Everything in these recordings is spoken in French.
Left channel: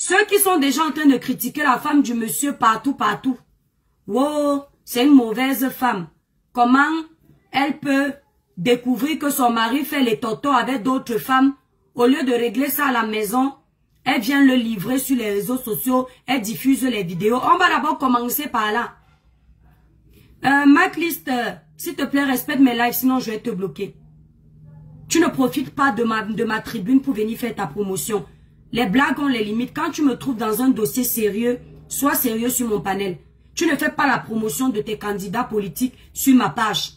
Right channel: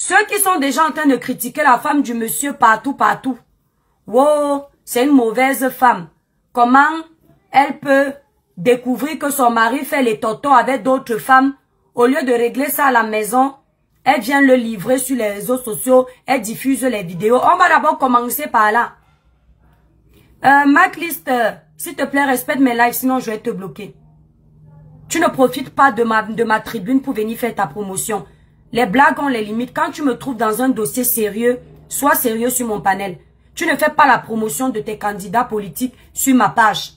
Ceux qui sont déjà en train de critiquer la femme du monsieur partout, partout. Wow, c'est une mauvaise femme. Comment elle peut découvrir que son mari fait les tontons avec d'autres femmes? Au lieu de régler ça à la maison, elle vient le livrer sur les réseaux sociaux, elle diffuse les vidéos. On va d'abord commencer par là. Maclist, s'il te plaît, respecte mes lives, sinon je vais te bloquer. Tu ne profites pas de ma tribune pour venir faire ta promotion. Les blagues ont les limites. Quand tu me trouves dans un dossier sérieux, sois sérieux sur mon panel. Tu ne fais pas la promotion de tes candidats politiques sur ma page.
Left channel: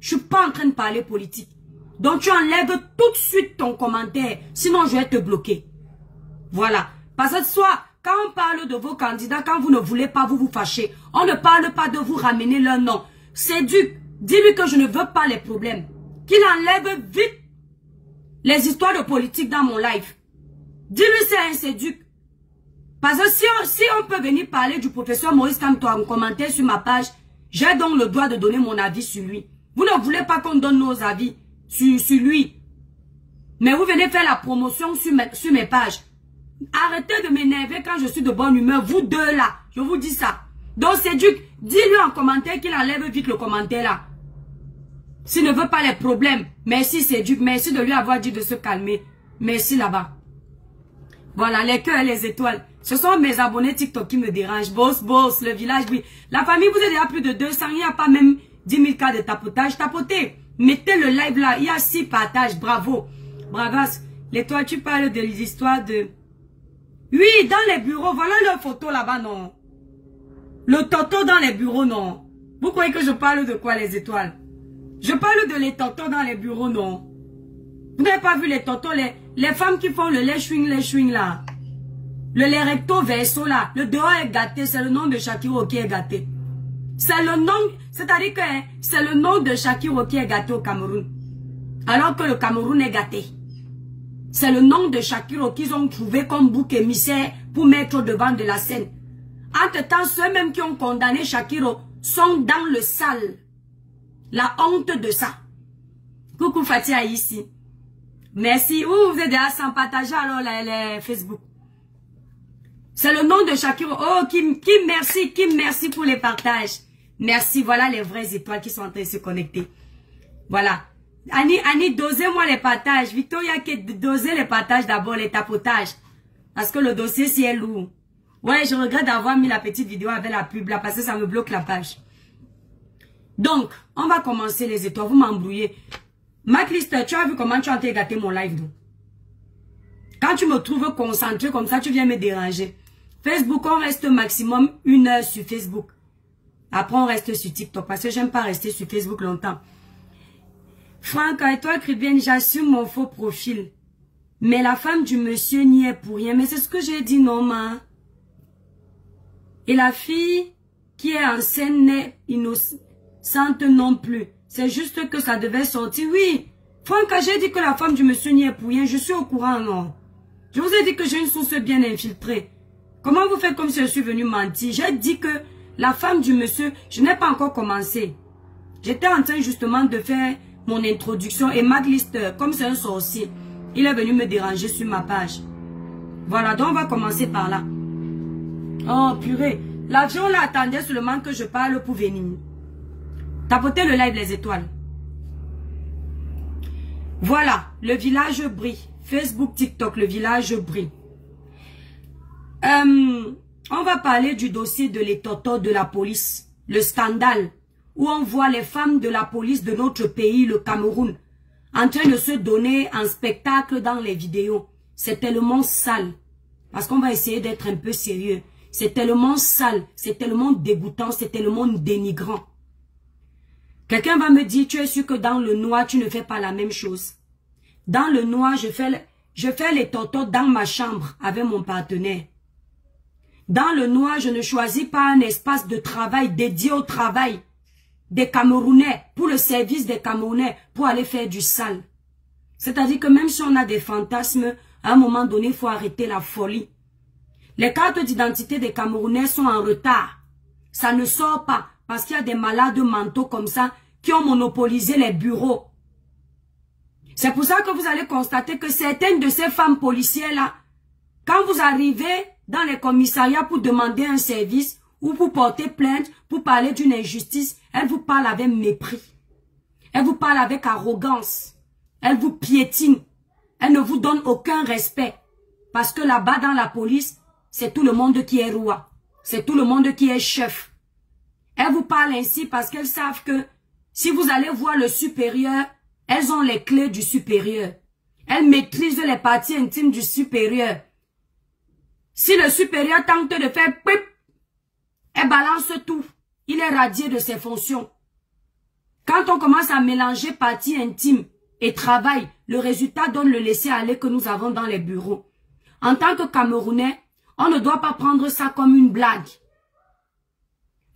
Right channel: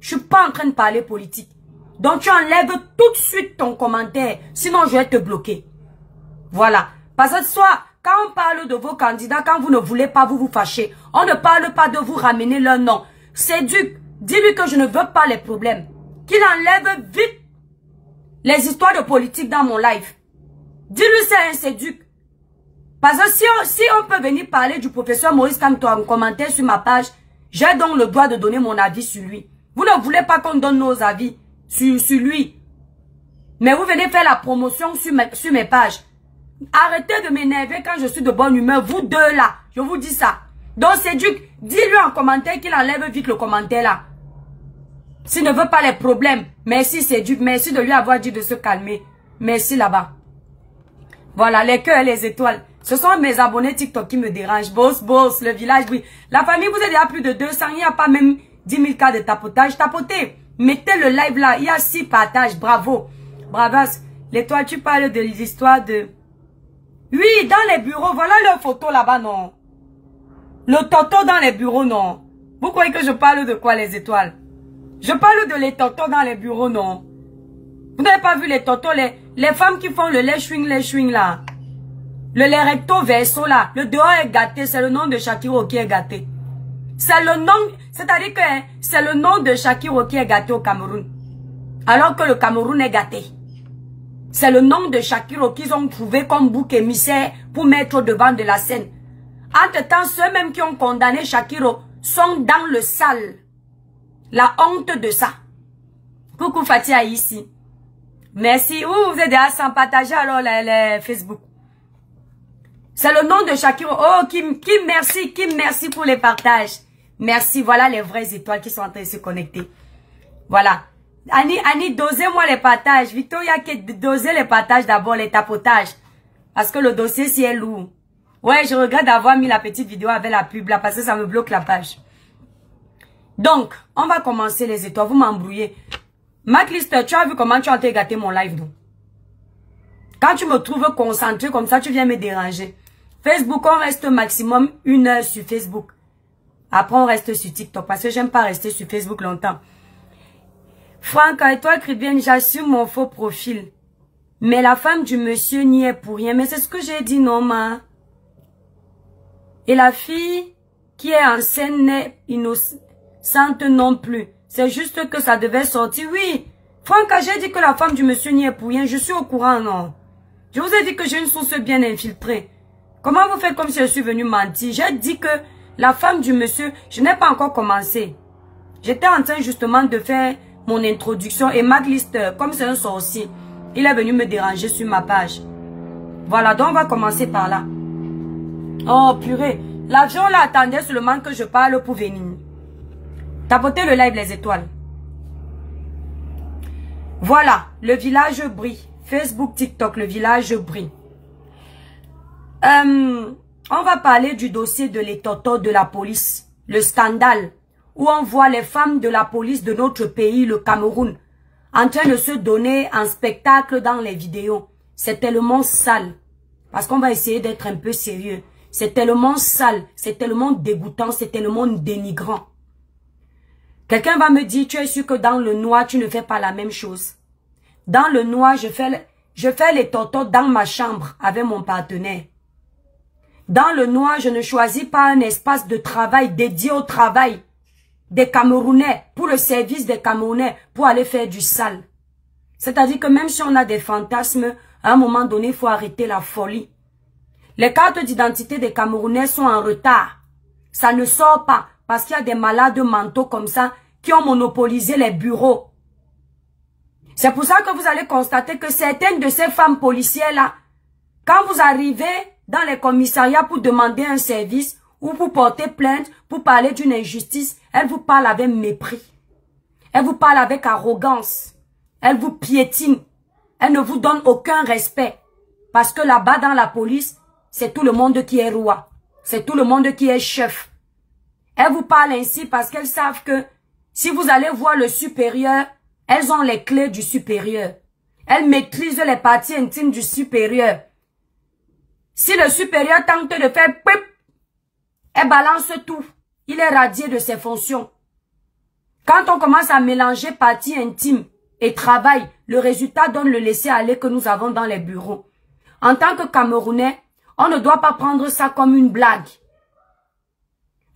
Je ne suis pas en train de parler politique. Donc tu enlèves tout de suite ton commentaire, sinon je vais te bloquer. Voilà. Parce que soit, quand on parle de vos candidats, quand vous ne voulez pas vous fâcher, on ne parle pas de vous ramener leur nom. Séduc, dis-lui que je ne veux pas les problèmes. Qu'il enlève vite les histoires de politique dans mon live. Dis-lui c'est un séduc. Parce que si on peut venir parler du professeur Maurice Kamto en commentaire sur ma page, j'ai donc le droit de donner mon avis sur lui. Vous ne voulez pas qu'on donne nos avis sur lui. Mais vous venez faire la promotion sur mes pages. Arrêtez de m'énerver quand je suis de bonne humeur. Vous deux là, je vous dis ça. Donc séduc, dis-lui en commentaire qu'il enlève vite le commentaire là. S'il ne veut pas les problèmes, merci séduc, merci de lui avoir dit de se calmer. Merci là-bas. Voilà, les cœurs et les étoiles. Ce sont mes abonnés TikTok qui me dérangent. Boss, le village, oui. La famille, vous êtes déjà plus de 200. Il n'y a pas même 10 000 cas de tapotage. Tapotez. Mettez le live là. Il y a 6 partages. Bravo. Bravas. L'étoile, tu parles de l'histoire de... Oui, dans les bureaux. Voilà leur photo là-bas, non. Le toto dans les bureaux, non. Vous croyez que je parle de quoi, les étoiles? Je parle de les totos dans les bureaux, non. Vous n'avez pas vu les totos, les femmes qui font le lait chewing là. Le lait recto verso là. Le dehors est gâté. C'est le nom de Shakiro qui est gâté. C'est le nom, c'est-à-dire que c'est le nom de Shakiro qui est gâté au Cameroun. Alors que le Cameroun est gâté. C'est le nom de Shakiro qu'ils ont trouvé comme bouc émissaire pour mettre au devant de la scène. Entre-temps, ceux-mêmes qui ont condamné Shakiro sont dans le sale. La honte de ça. Coucou Fatia ici. Merci. Vous êtes déjà sans partager alors les Facebook. C'est le nom de Shakiro. Oh, Kim merci pour les partages. Merci. Voilà les vraies étoiles qui sont en train de se connecter. Voilà. Annie, dosez-moi les partages. Victoria, dosez les partages d'abord, les tapotages. Parce que le dossier, si est lourd. Ouais, je regrette d'avoir mis la petite vidéo avec la pub là, parce que ça me bloque la page. Donc, on va commencer les étoiles. Vous m'embrouillez. Maclist, tu as vu comment tu as gâté mon live, non? Quand tu me trouves concentré comme ça, tu viens me déranger. Facebook, on reste maximum 1 heure sur Facebook. Après, on reste sur TikTok parce que j'aime pas rester sur Facebook longtemps. Franck, et toi, Cribienne, j'assume mon faux profil. Mais la femme du monsieur n'y est pour rien. Mais c'est ce que j'ai dit, non, ma. Et la fille qui est en scène n'est innocente non plus. C'est juste que ça devait sortir. Oui, Franck, j'ai dit que la femme du monsieur n'y est pour rien. Je suis au courant, non. Je vous ai dit que j'ai une source bien infiltrée. Comment vous faites comme si je suis venu mentir? J'ai dit que la femme du monsieur, je n'ai pas encore commencé. J'étais en train justement de faire mon introduction et Maclist, comme c'est un sorcier, il est venu me déranger sur ma page. Voilà, donc on va commencer par là. Oh purée, l'avion là attendait seulement que je parle pour venir. Tapotez le live les étoiles. Voilà, le village brille. Facebook, TikTok, le village brille. On va parler du dossier de l'étoto de la police, le scandale, où on voit les femmes de la police de notre pays, le Cameroun, en train de se donner en spectacle dans les vidéos. C'est tellement sale, parce qu'on va essayer d'être un peu sérieux. C'est tellement sale, c'est tellement dégoûtant, c'est tellement dénigrant. Quelqu'un va me dire, tu es sûr que dans le noir, tu ne fais pas la même chose. Dans le noir, je fais les totos dans ma chambre avec mon partenaire. Dans le noir, je ne choisis pas un espace de travail dédié au travail des Camerounais, pour le service des Camerounais, pour aller faire du sale. C'est-à-dire que même si on a des fantasmes, à un moment donné, il faut arrêter la folie. Les cartes d'identité des Camerounais sont en retard. Ça ne sort pas parce qu'il y a des malades mentaux comme ça qui ont monopolisé les bureaux. C'est pour ça que vous allez constater que certaines de ces femmes policières-là, Quand vous arrivez dans les commissariats pour demander un service ou pour porter plainte, pour parler d'une injustice, elle vous parle avec mépris. Elle vous parle avec arrogance. Elle vous piétine. Elle ne vous donne aucun respect. Parce que là-bas dans la police, c'est tout le monde qui est roi. C'est tout le monde qui est chef. Elles vous parlent ainsi parce qu'elles savent que si vous allez voir le supérieur, elles ont les clés du supérieur. Elles maîtrisent les parties intimes du supérieur. Si le supérieur tente de faire pip, elle balance tout. Il est radié de ses fonctions. Quand on commence à mélanger parties intimes et travail, le résultat donne le laisser-aller que nous avons dans les bureaux. En tant que Camerounais, on ne doit pas prendre ça comme une blague.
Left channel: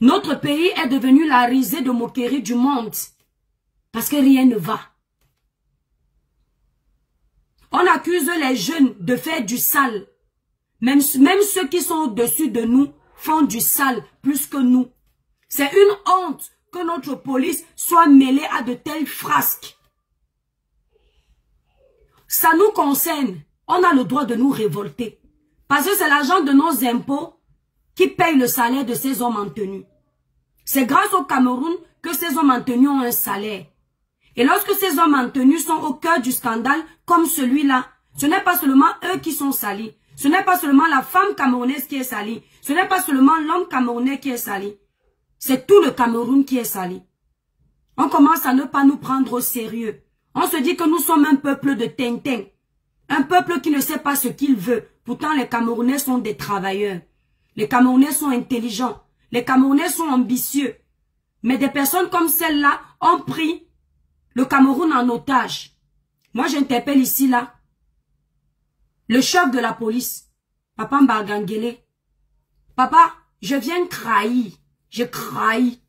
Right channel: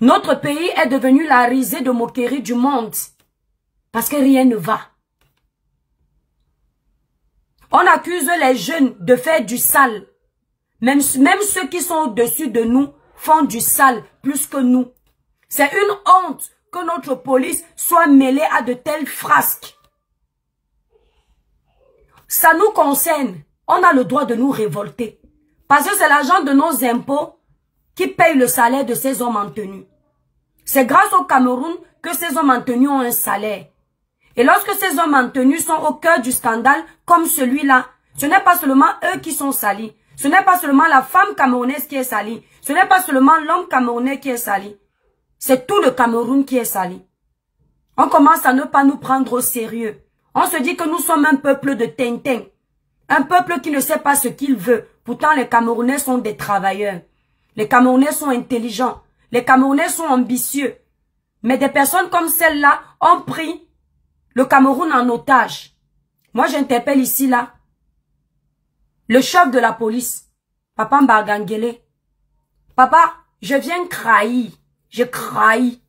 Notre pays est devenu la risée de moquerie du monde. Parce que rien ne va. On accuse les jeunes de faire du sale. Même ceux qui sont au-dessus de nous font du sale plus que nous. C'est une honte que notre police soit mêlée à de telles frasques. Ça nous concerne. On a le droit de nous révolter. Parce que c'est l'argent de nos impôts qui paye le salaire de ces hommes en tenue. C'est grâce au Cameroun que ces hommes en tenue ont un salaire. Et lorsque ces hommes en tenue sont au cœur du scandale, comme celui-là, ce n'est pas seulement eux qui sont salis. Ce n'est pas seulement la femme camerounaise qui est salie. Ce n'est pas seulement l'homme camerounais qui est sali. C'est tout le Cameroun qui est sali. On commence à ne pas nous prendre au sérieux. On se dit que nous sommes un peuple de Tintin. Un peuple qui ne sait pas ce qu'il veut. Pourtant, les Camerounais sont des travailleurs. Les Camerounais sont intelligents. Les Camerounais sont ambitieux. Mais des personnes comme celle-là ont pris le Cameroun en otage. Moi, j'interpelle ici, là, le chef de la police, Papa Mbagangele. Papa, je viens trahir. Je trahis.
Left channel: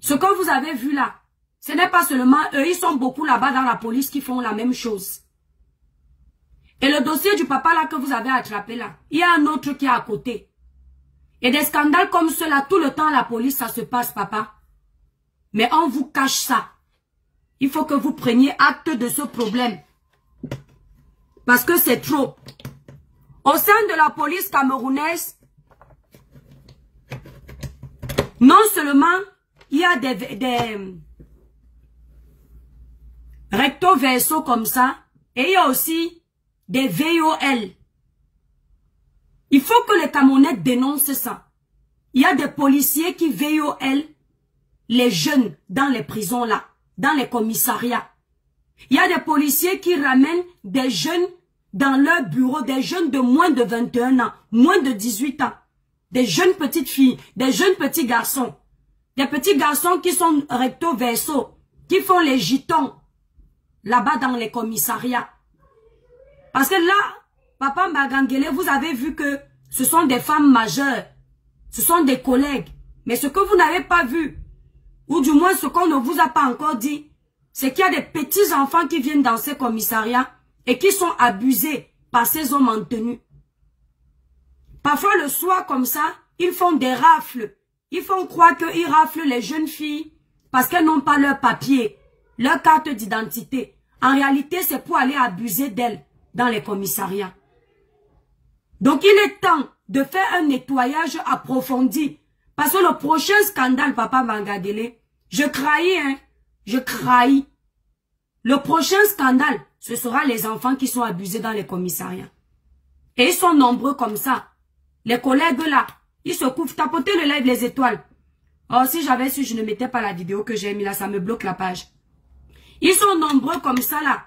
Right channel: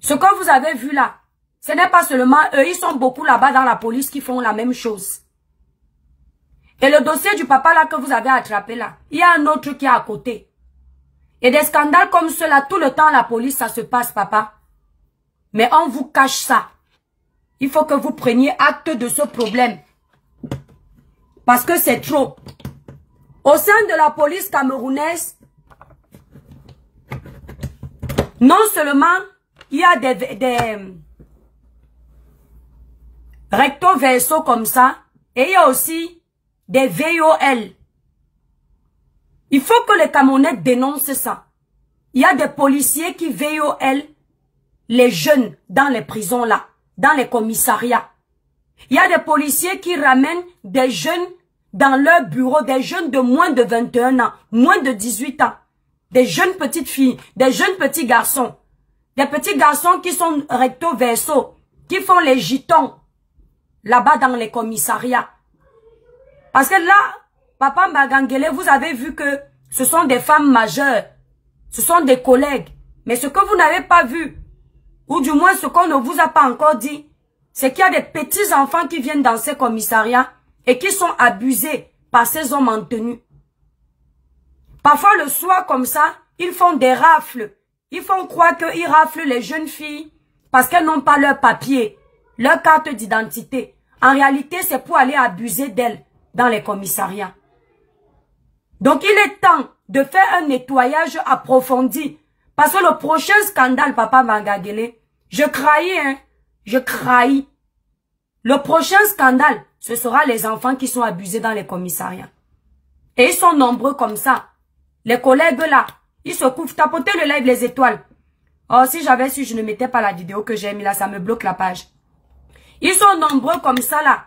Ce que vous avez vu là, ce n'est pas seulement eux, ils sont beaucoup là-bas dans la police qui font la même chose. Et le dossier du papa là que vous avez attrapé là, il y a un autre qui est à côté. Et des scandales comme ceux-là, tout le temps à la police, ça se passe, papa. Mais on vous cache ça. Il faut que vous preniez acte de ce problème. Parce que c'est trop. Au sein de la police camerounaise, non seulement il y a des recto verso comme ça, et il y a aussi des VOL. Il faut que les Camerounais dénoncent ça. Il y a des policiers qui VOL les jeunes dans les prisons là, dans les commissariats. Il y a des policiers qui ramènent des jeunes dans leur bureau, des jeunes de moins de 21 ans, moins de 18 ans. Des jeunes petites filles, des jeunes petits garçons. Des petits garçons qui sont recto verso, qui font les gitons là-bas dans les commissariats. Parce que là, Papa Mbagangele, vous avez vu que ce sont des femmes majeures. Ce sont des collègues. Mais ce que vous n'avez pas vu, ou du moins ce qu'on ne vous a pas encore dit, c'est qu'il y a des petits enfants qui viennent dans ces commissariats et qui sont abusés par ces hommes en tenue. Parfois le soir comme ça, ils font des rafles. Ils font croire qu'ils raflent les jeunes filles parce qu'elles n'ont pas leur papier, leur carte d'identité. En réalité, c'est pour aller abuser d'elles dans les commissariats. Donc il est temps de faire un nettoyage approfondi. Parce que le prochain scandale, Papa Mbagangele, je trahis, hein, je trahis. Le prochain scandale, ce sera les enfants qui sont abusés dans les commissariats. Et ils sont nombreux comme ça. Les collègues là, ils se couvrent, tapotez le live les étoiles. Oh, si j'avais su, je ne mettais pas la vidéo que j'ai mis là, ça me bloque la page. Ils sont nombreux comme ça là.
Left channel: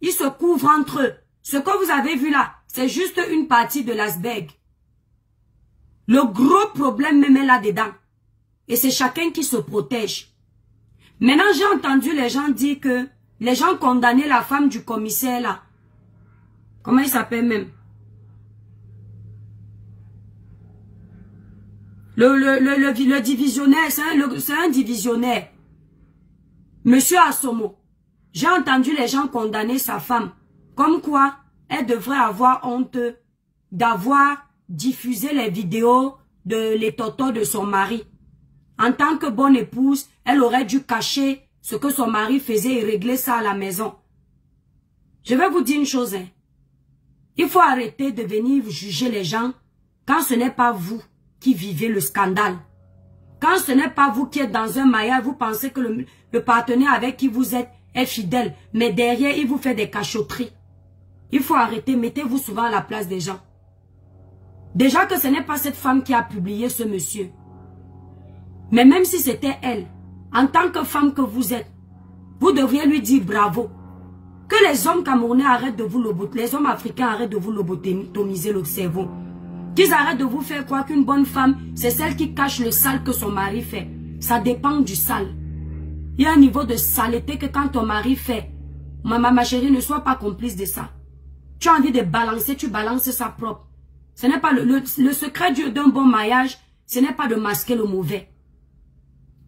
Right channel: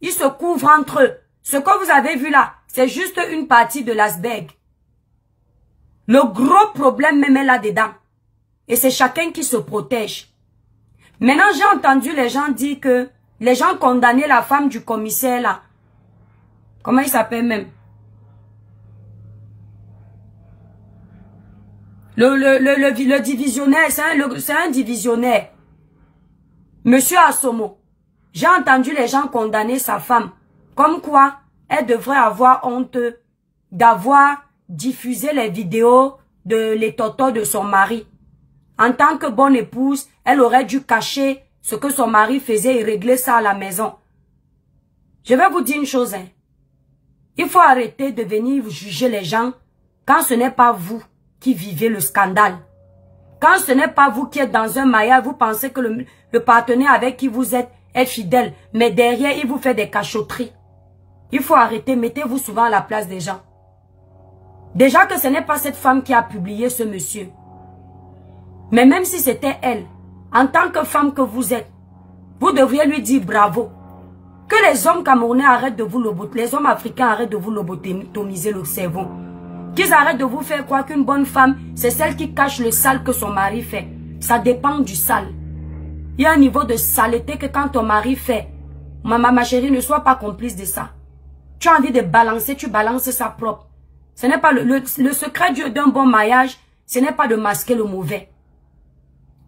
Ils se couvrent entre eux. Ce que vous avez vu là, c'est juste une partie de l'iceberg. Le gros problème même est là-dedans. Et c'est chacun qui se protège. Maintenant, j'ai entendu les gens dire que les gens condamnaient la femme du commissaire là. Comment il s'appelle même? Le divisionnaire, c'est un divisionnaire. Monsieur Assomo. J'ai entendu les gens condamner sa femme. Comme quoi, elle devrait avoir honte d'avoir diffusé les vidéos de les totos de son mari. En tant que bonne épouse, elle aurait dû cacher ce que son mari faisait et régler ça à la maison. Je vais vous dire une chose. Hein. Il faut arrêter de venir juger les gens quand ce n'est pas vous qui vivez le scandale. Quand ce n'est pas vous qui êtes dans un mariage, vous pensez que le partenaire avec qui vous êtes est fidèle, mais derrière, il vous fait des cachotteries. Il faut arrêter, mettez-vous souvent à la place des gens. Déjà que ce n'est pas cette femme qui a publié ce monsieur. Mais même si c'était elle, en tant que femme que vous êtes, vous devriez lui dire bravo. Que les hommes camerounais arrêtent de vous lobotomiser, les hommes africains arrêtent de vous lobotomiser le cerveau. Qu'ils arrêtent de vous faire croire qu'une bonne femme, c'est celle qui cache le sale que son mari fait. Ça dépend du sale. Il y a un niveau de saleté que quand ton mari fait, ma chérie, ne sois pas complice de ça. Tu as envie de balancer, tu balances ça propre. Ce n'est pas le secret d'un bon mariage, ce n'est pas de masquer le mauvais.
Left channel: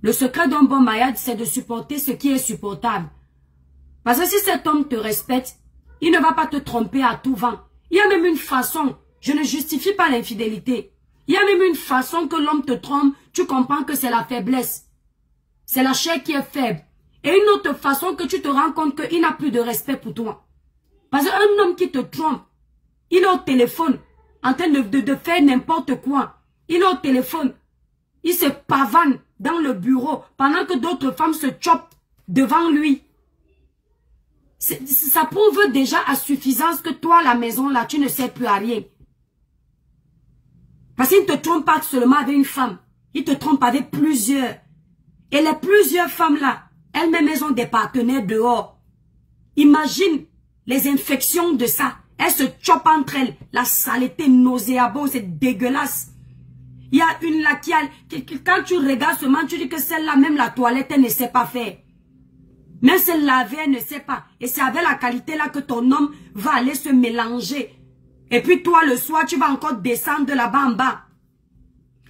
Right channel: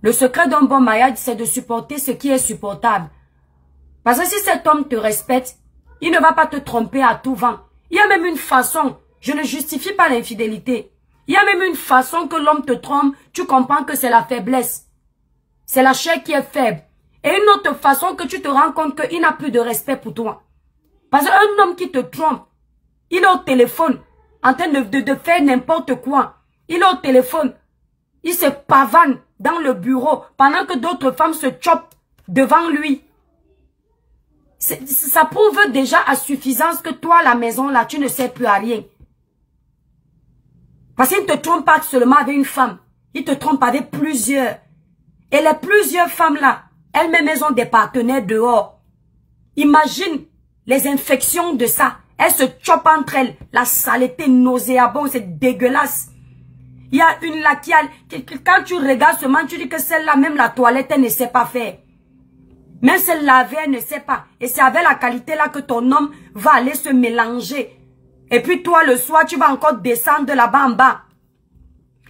Le secret d'un bon mariage, c'est de supporter ce qui est supportable. Parce que si cet homme te respecte, il ne va pas te tromper à tout vent. Il y a même une façon, je ne justifie pas l'infidélité. Il y a même une façon que l'homme te trompe, tu comprends que c'est la faiblesse. C'est la chair qui est faible. Et une autre façon que tu te rends compte qu'il n'a plus de respect pour toi. Parce qu'un homme qui te trompe, il est au téléphone, en train de faire n'importe quoi. Il est au téléphone, il se pavane dans le bureau pendant que d'autres femmes se chopent devant lui. Ça prouve déjà à suffisance que toi, à la maison, là, tu ne sais plus à rien. Parce qu'il ne te trompe pas seulement avec une femme. Il te trompe avec plusieurs. Et les plusieurs femmes-là, elles-mêmes, elles ont des partenaires dehors. Imagine les infections de ça. Elles se chopent entre elles. La saleté nauséabonde, c'est dégueulasse. Il y a une là qui a... Quand tu regardes seulement, tu dis que celle-là, même la toilette, elle ne sait pas faire. Même celle laver, elle ne sait pas. Et c'est avec la qualité là que ton homme va aller se mélanger. Et puis toi, le soir, tu vas encore descendre là-bas en bas.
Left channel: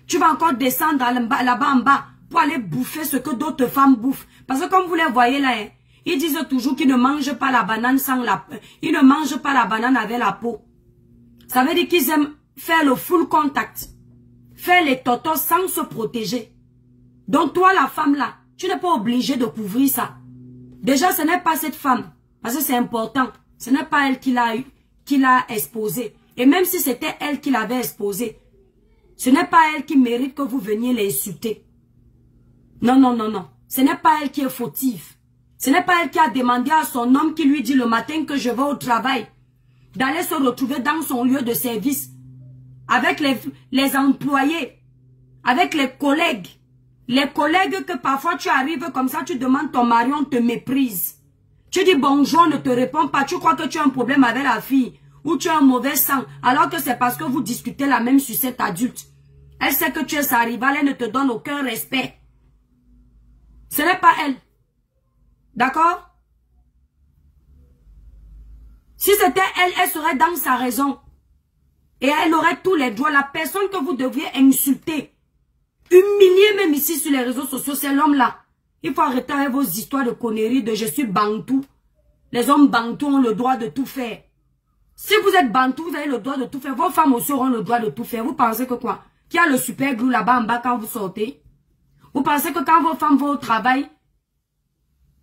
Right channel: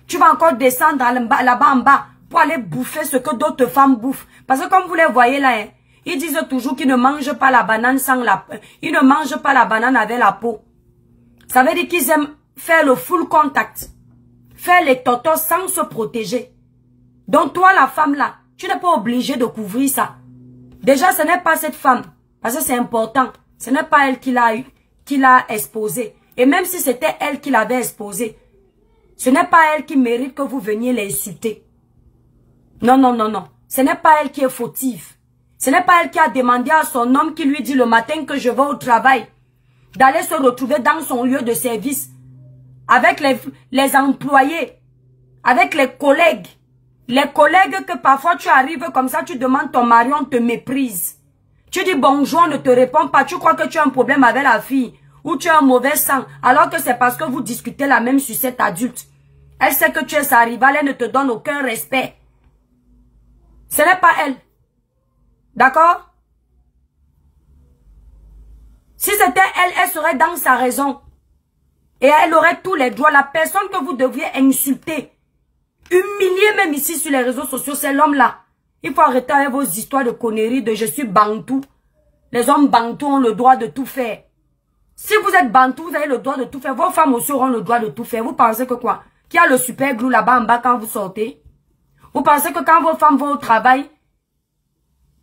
Tu vas encore descendre là-bas en bas pour aller bouffer ce que d'autres femmes bouffent. Parce que comme vous les voyez là, hein, ils disent toujours qu'ils ne mangent pas la banane sans la peau. Ils ne mangent pas la banane avec la peau. Ça veut dire qu'ils aiment faire le full contact. Faire les totos sans se protéger. Donc toi, la femme là, tu n'es pas obligé de couvrir ça. Déjà, ce n'est pas cette femme, parce que c'est important. Ce n'est pas elle qui l'a exposé. Et même si c'était elle qui l'avait exposé, ce n'est pas elle qui mérite que vous veniez l'insulter. Non, non, non, non. Ce n'est pas elle qui est fautive. Ce n'est pas elle qui a demandé à son homme qui lui dit le matin que je vais au travail, d'aller se retrouver dans son lieu de service, avec les employés, avec les collègues. Les collègues que parfois tu arrives comme ça, tu demandes ton mari, on te méprise. Tu dis bonjour, on ne te répond pas. Tu crois que tu as un problème avec la fille ou tu as un mauvais sang, alors que c'est parce que vous discutez la même sucette adulte. Elle sait que tu es sa rivale, elle ne te donne aucun respect. Ce n'est pas elle. D'accord? Si c'était elle, elle serait dans sa raison. Et elle aurait tous les droits. La personne que vous devriez insulter, humilier même ici sur les réseaux sociaux, c'est l'homme-là. Il faut arrêter avec vos histoires de conneries de je suis bantou. Les hommes bantous ont le droit de tout faire. Si vous êtes bantou, vous avez le droit de tout faire. Vos femmes aussi auront le droit de tout faire. Vous pensez que quoi? Qu'il y a le super glue là-bas en bas quand vous sortez? Vous pensez que quand vos femmes vont au travail,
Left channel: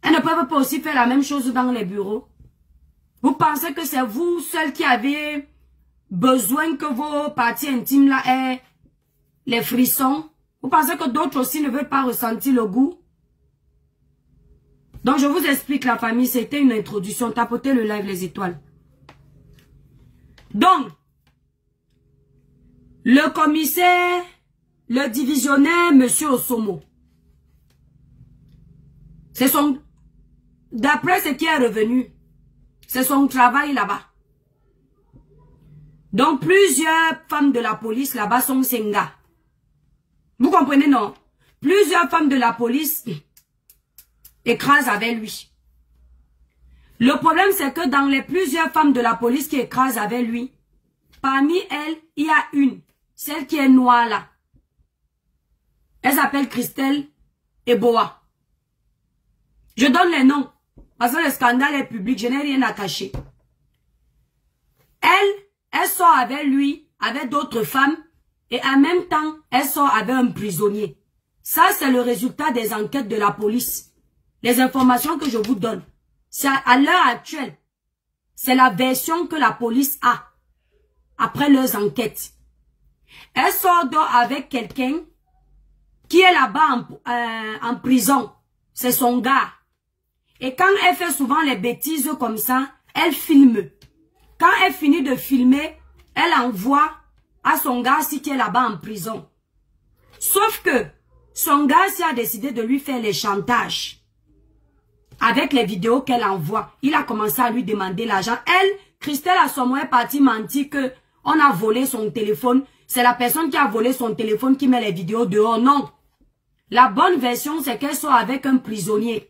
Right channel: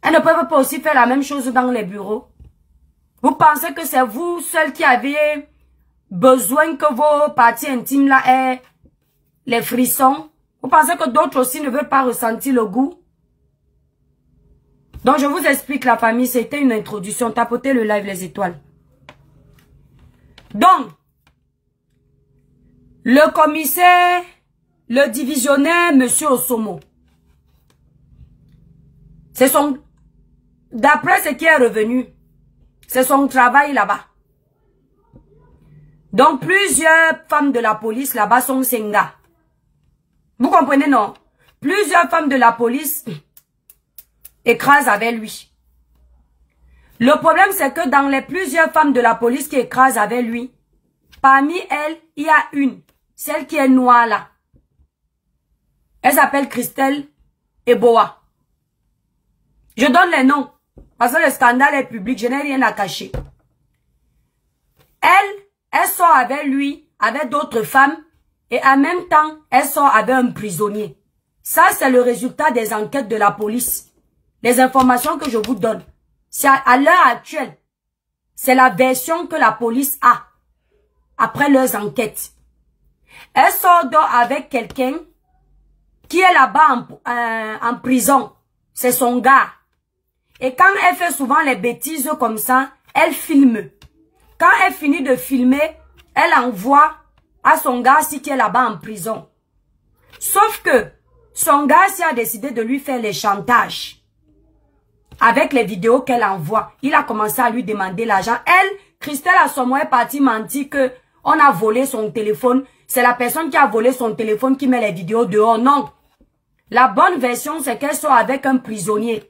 elles ne peuvent pas aussi faire la même chose dans les bureaux? Vous pensez que c'est vous seul qui avez besoin que vos parties intimes là aient les frissons? Vous pensez que d'autres aussi ne veulent pas ressentir le goût? Donc je vous explique la famille, c'était une introduction. Tapotez le live les étoiles. Donc, le commissaire, le divisionnaire, monsieur Osomo, c'est son, d'après ce qui est revenu, c'est son travail là-bas. Donc, plusieurs femmes de la police là-bas sont Senga. Vous comprenez, non? Plusieurs femmes de la police écrasent avec lui. Le problème, c'est que dans les plusieurs femmes de la police qui écrasent avec lui, parmi elles, il y a une, celle qui est noire là. Elle s'appelle Christelle Eboa. Je donne les noms, parce que le scandale est public, je n'ai rien à cacher. Elle sort avec lui, avec d'autres femmes, et en même temps, elle sort avec un prisonnier. Ça, c'est le résultat des enquêtes de la police. Les informations que je vous donne. C'est à l'heure actuelle. C'est la version que la police a. après leurs enquêtes. Elle sort donc avec quelqu'un qui est là-bas en prison. C'est son gars. Et quand elle fait souvent les bêtises comme ça, elle filme. Quand elle finit de filmer, elle envoie à son gars qui est là-bas en prison. Sauf que son gars a décidé de lui faire les chantages. Avec les vidéos qu'elle envoie, il a commencé à lui demander l'argent. Elle, Christelle Assomo, est partie mentir que on a volé son téléphone. C'est la personne qui a volé son téléphone qui met les vidéos dehors. Non. La bonne version, c'est qu'elle sort avec un prisonnier.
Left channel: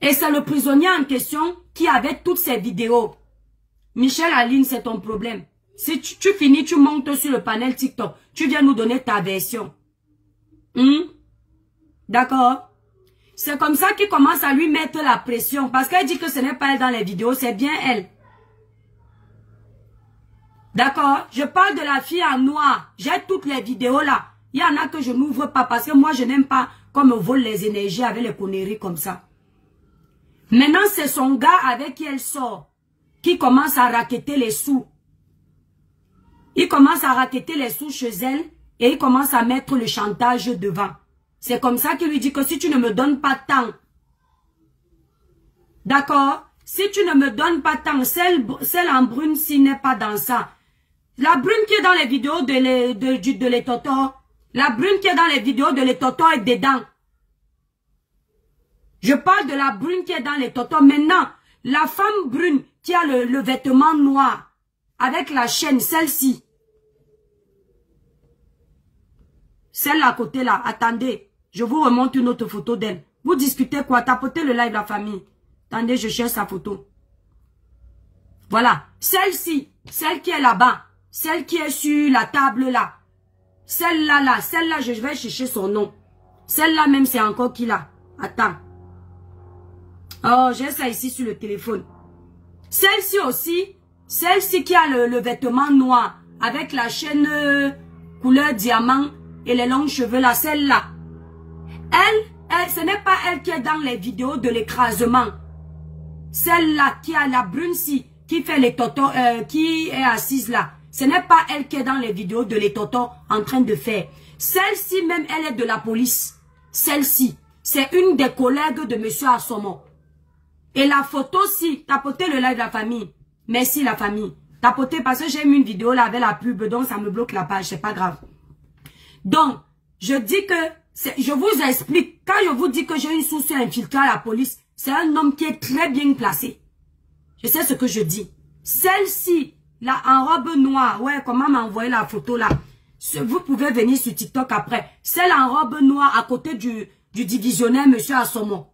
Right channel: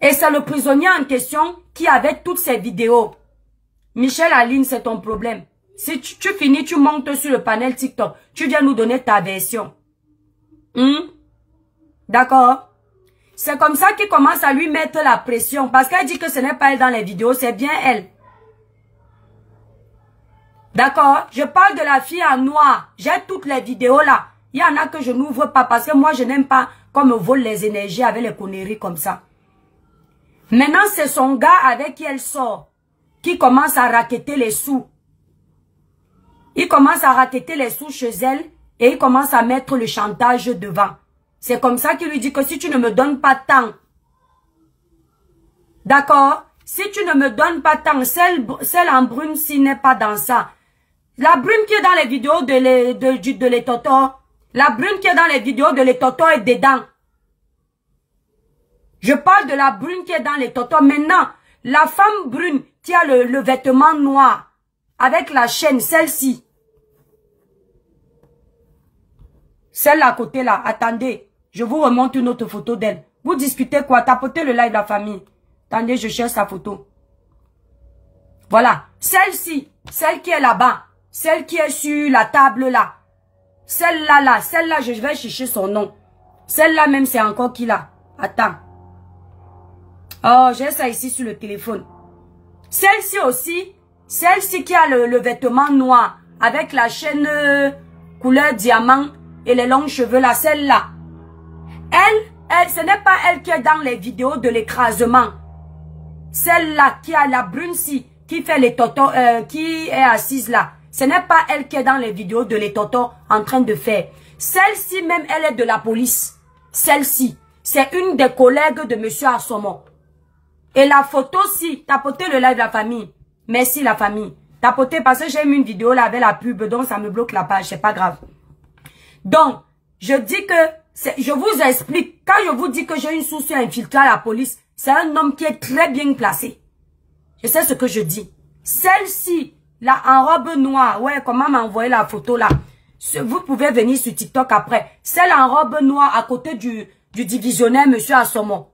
Et c'est le prisonnier en question qui avait toutes ces vidéos. Michel Aline, c'est ton problème. Si tu finis, tu montes sur le panel TikTok. Tu viens nous donner ta version. D'accord? C'est comme ça qu'il commence à lui mettre la pression. Parce qu'elle dit que ce n'est pas elle dans les vidéos, c'est bien elle. D'accord? Je parle de la fille en noir. J'ai toutes les vidéos là. Il y en a que je n'ouvre pas parce que moi je n'aime pas qu'on me vole les énergies avec les conneries comme ça. Maintenant, c'est son gars avec qui elle sort qui commence à racketter les sous. Il commence à racketter les sous chez elle et il commence à mettre le chantage devant. C'est comme ça qu'il lui dit que si tu ne me donnes pas tant, d'accord, si tu ne me donnes pas tant, celle en brune s'il n'est pas dans ça. La brune qui est dans les vidéos de les totos, la brune qui est dans les vidéos de les totos est dedans. Je parle de la brune qui est dans les totos. Maintenant, la femme brune qui a le vêtement noir avec la chaîne, celle-ci. Celle à côté là, attendez, je vous remonte une autre photo d'elle. Vous discutez quoi? Tapotez le live de la famille. Attendez, je cherche sa photo. Voilà, celle-ci, celle qui est là-bas, celle qui est sur la table là. Celle-là, celle-là, je vais chercher son nom. Celle-là même, c'est encore qui là? Attends. Oh, j'ai ça ici sur le téléphone. Celle-ci aussi, celle-ci qui a le vêtement noir avec la chaîne couleur diamant et les longs cheveux là, celle-là. Elle, ce n'est pas elle qui est dans les vidéos de l'écrasement. Celle-là qui a la brune-ci, qui fait les totos, qui est assise là. Ce n'est pas elle qui est dans les vidéos de les totos en train de faire. Celle-ci même, elle est de la police. Celle-ci, c'est une des collègues de monsieur Assomo. Et la photo-ci, tapotez le live de la famille. Merci la famille. Tapotez parce que j'ai mis une vidéo là avec la pub, donc ça me bloque la page, c'est pas grave. Donc, je dis que, je vous explique, quand je vous dis que j'ai une souci infiltrée à la police, c'est un homme qui est très bien placé. Je sais ce que je dis. Celle-ci, là, en robe noire, ouais, comment m'envoyer la photo là? Vous pouvez venir sur TikTok après. Celle en robe noire à côté du divisionnaire, monsieur Assomo.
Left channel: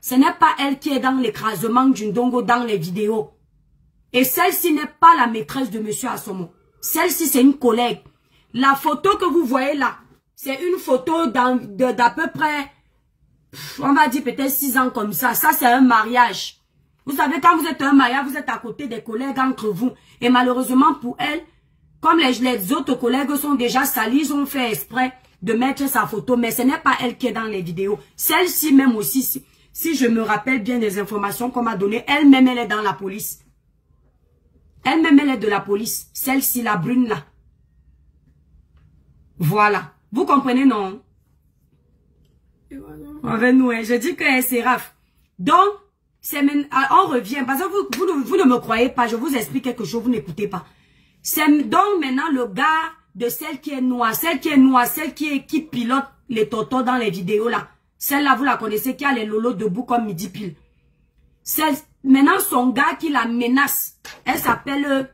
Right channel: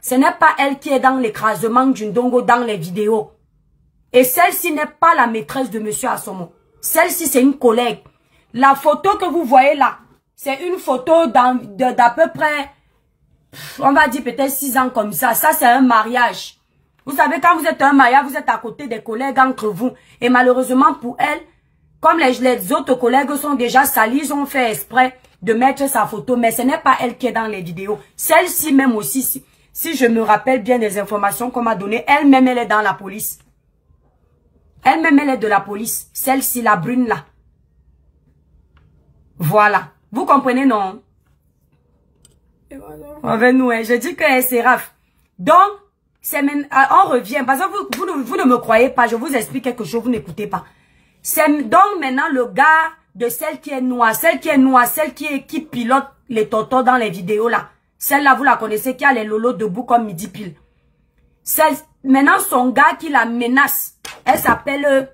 Ce n'est pas elle qui est dans l'écrasement du Ndongo dans les vidéos. Et celle-ci n'est pas la maîtresse de monsieur Assomo. Celle-ci, c'est une collègue. La photo que vous voyez là, c'est une photo d'à peu près, on va dire peut-être 6 ans comme ça. Ça, c'est un mariage. Vous savez, quand vous êtes un mariage, vous êtes à côté des collègues entre vous. Et malheureusement pour elle, comme les autres collègues sont déjà salis, ils ont fait exprès de mettre sa photo. Mais ce n'est pas elle qui est dans les vidéos. Celle-ci même aussi, si je me rappelle bien des informations qu'on m'a données, elle-même, elle est dans la police. Elle-même, elle est de la police. Celle-ci, la brune là. Voilà. Vous comprenez, non? Avec nous, je dis que c'est Raph. Donc, on revient. Parce que vous ne me croyez pas. Je vous explique quelque chose, vous n'écoutez pas. C'est donc maintenant le gars de celle qui est noire. Celle qui est noire, celle qui pilote les totos dans les vidéos là. Celle-là, vous la connaissez, qui a les lolos debout comme midi pile. Maintenant, son gars qui la menace, elle s'appelle,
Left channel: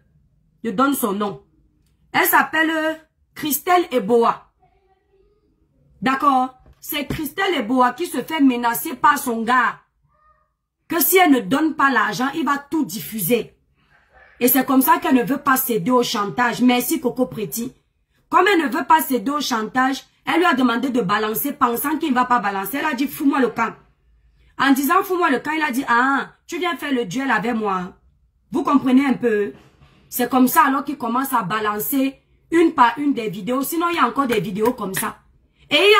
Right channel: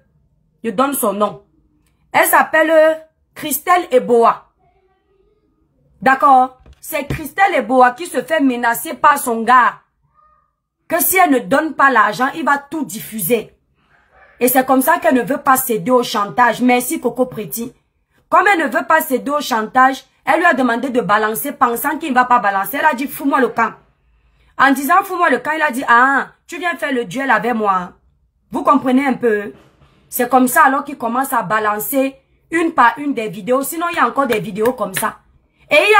je donne son nom. Elle s'appelle Christelle Eboa. D'accord? C'est Christelle Eboa qui se fait menacer par son gars. Que si elle ne donne pas l'argent, il va tout diffuser. Et c'est comme ça qu'elle ne veut pas céder au chantage. Merci Coco Pretty. Comme elle ne veut pas céder au chantage, elle lui a demandé de balancer, pensant qu'il ne va pas balancer. Elle a dit, fous-moi le camp. En disant, fous-moi le camp, il a dit, ah, tu viens faire le duel avec moi. Vous comprenez un peu? C'est comme ça alors qu'il commence à balancer une par une des vidéos. Sinon, il y a encore des vidéos comme ça. Et il y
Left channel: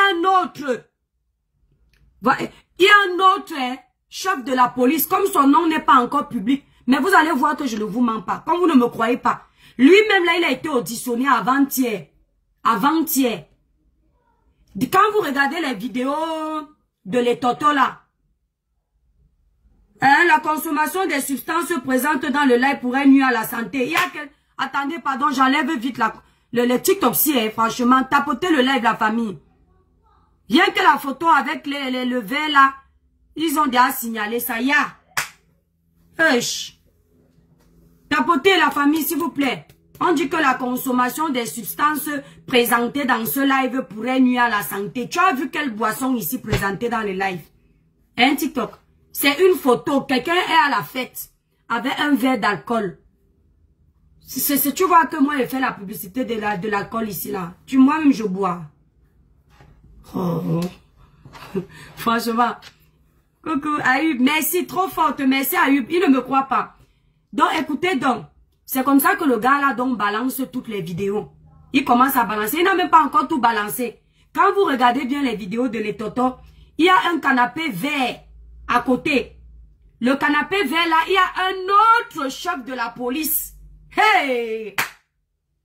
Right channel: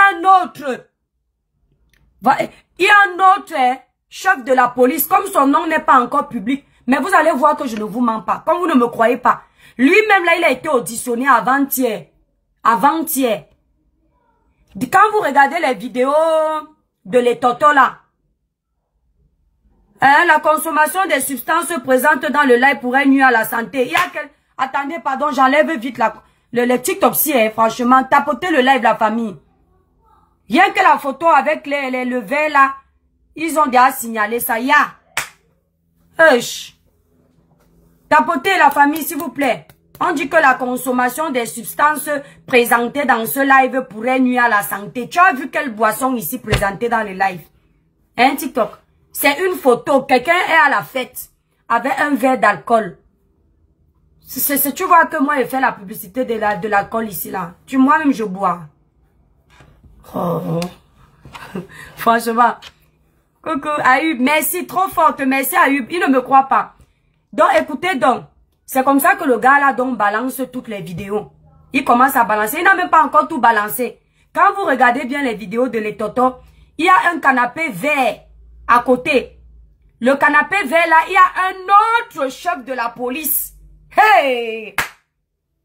a un autre chef de la police, comme son nom n'est pas encore public. Mais vous allez voir que je ne vous mens pas. Comme vous ne me croyez pas. Lui-même, là, il a été auditionné avant-hier. Avant-hier. Quand vous regardez les vidéos de les totos, là, hein, la consommation des substances présentes dans le live pourrait nuire à la santé. Il y a que... Attendez, pardon, j'enlève vite le TikTok, hein, franchement. Tapotez le live, la famille. Rien que la photo avec le verre, là, ils ont déjà signalé ça. Ya. Tapotez la famille, s'il vous plaît. On dit que la consommation des substances présentées dans ce live pourrait nuire à la santé. Tu as vu quelle boisson ici présentée dans le live? Hein, TikTok? C'est une photo. Quelqu'un est à la fête avec un verre d'alcool. Tu vois que moi, je fais la publicité de l'alcool ici, là. Moi-même, je bois. Oh. Franchement. Coucou, Ayub. Merci, trop forte. Merci, Ayub. Il ne me croit pas. Donc, écoutez donc. C'est comme ça que le gars là donc balance toutes les vidéos. Il commence à balancer. Il n'a même pas encore tout balancé. Quand vous regardez bien les vidéos de les totos, il y a un canapé vert à côté. Le canapé vert là, il y a un autre chef de la police. Hey!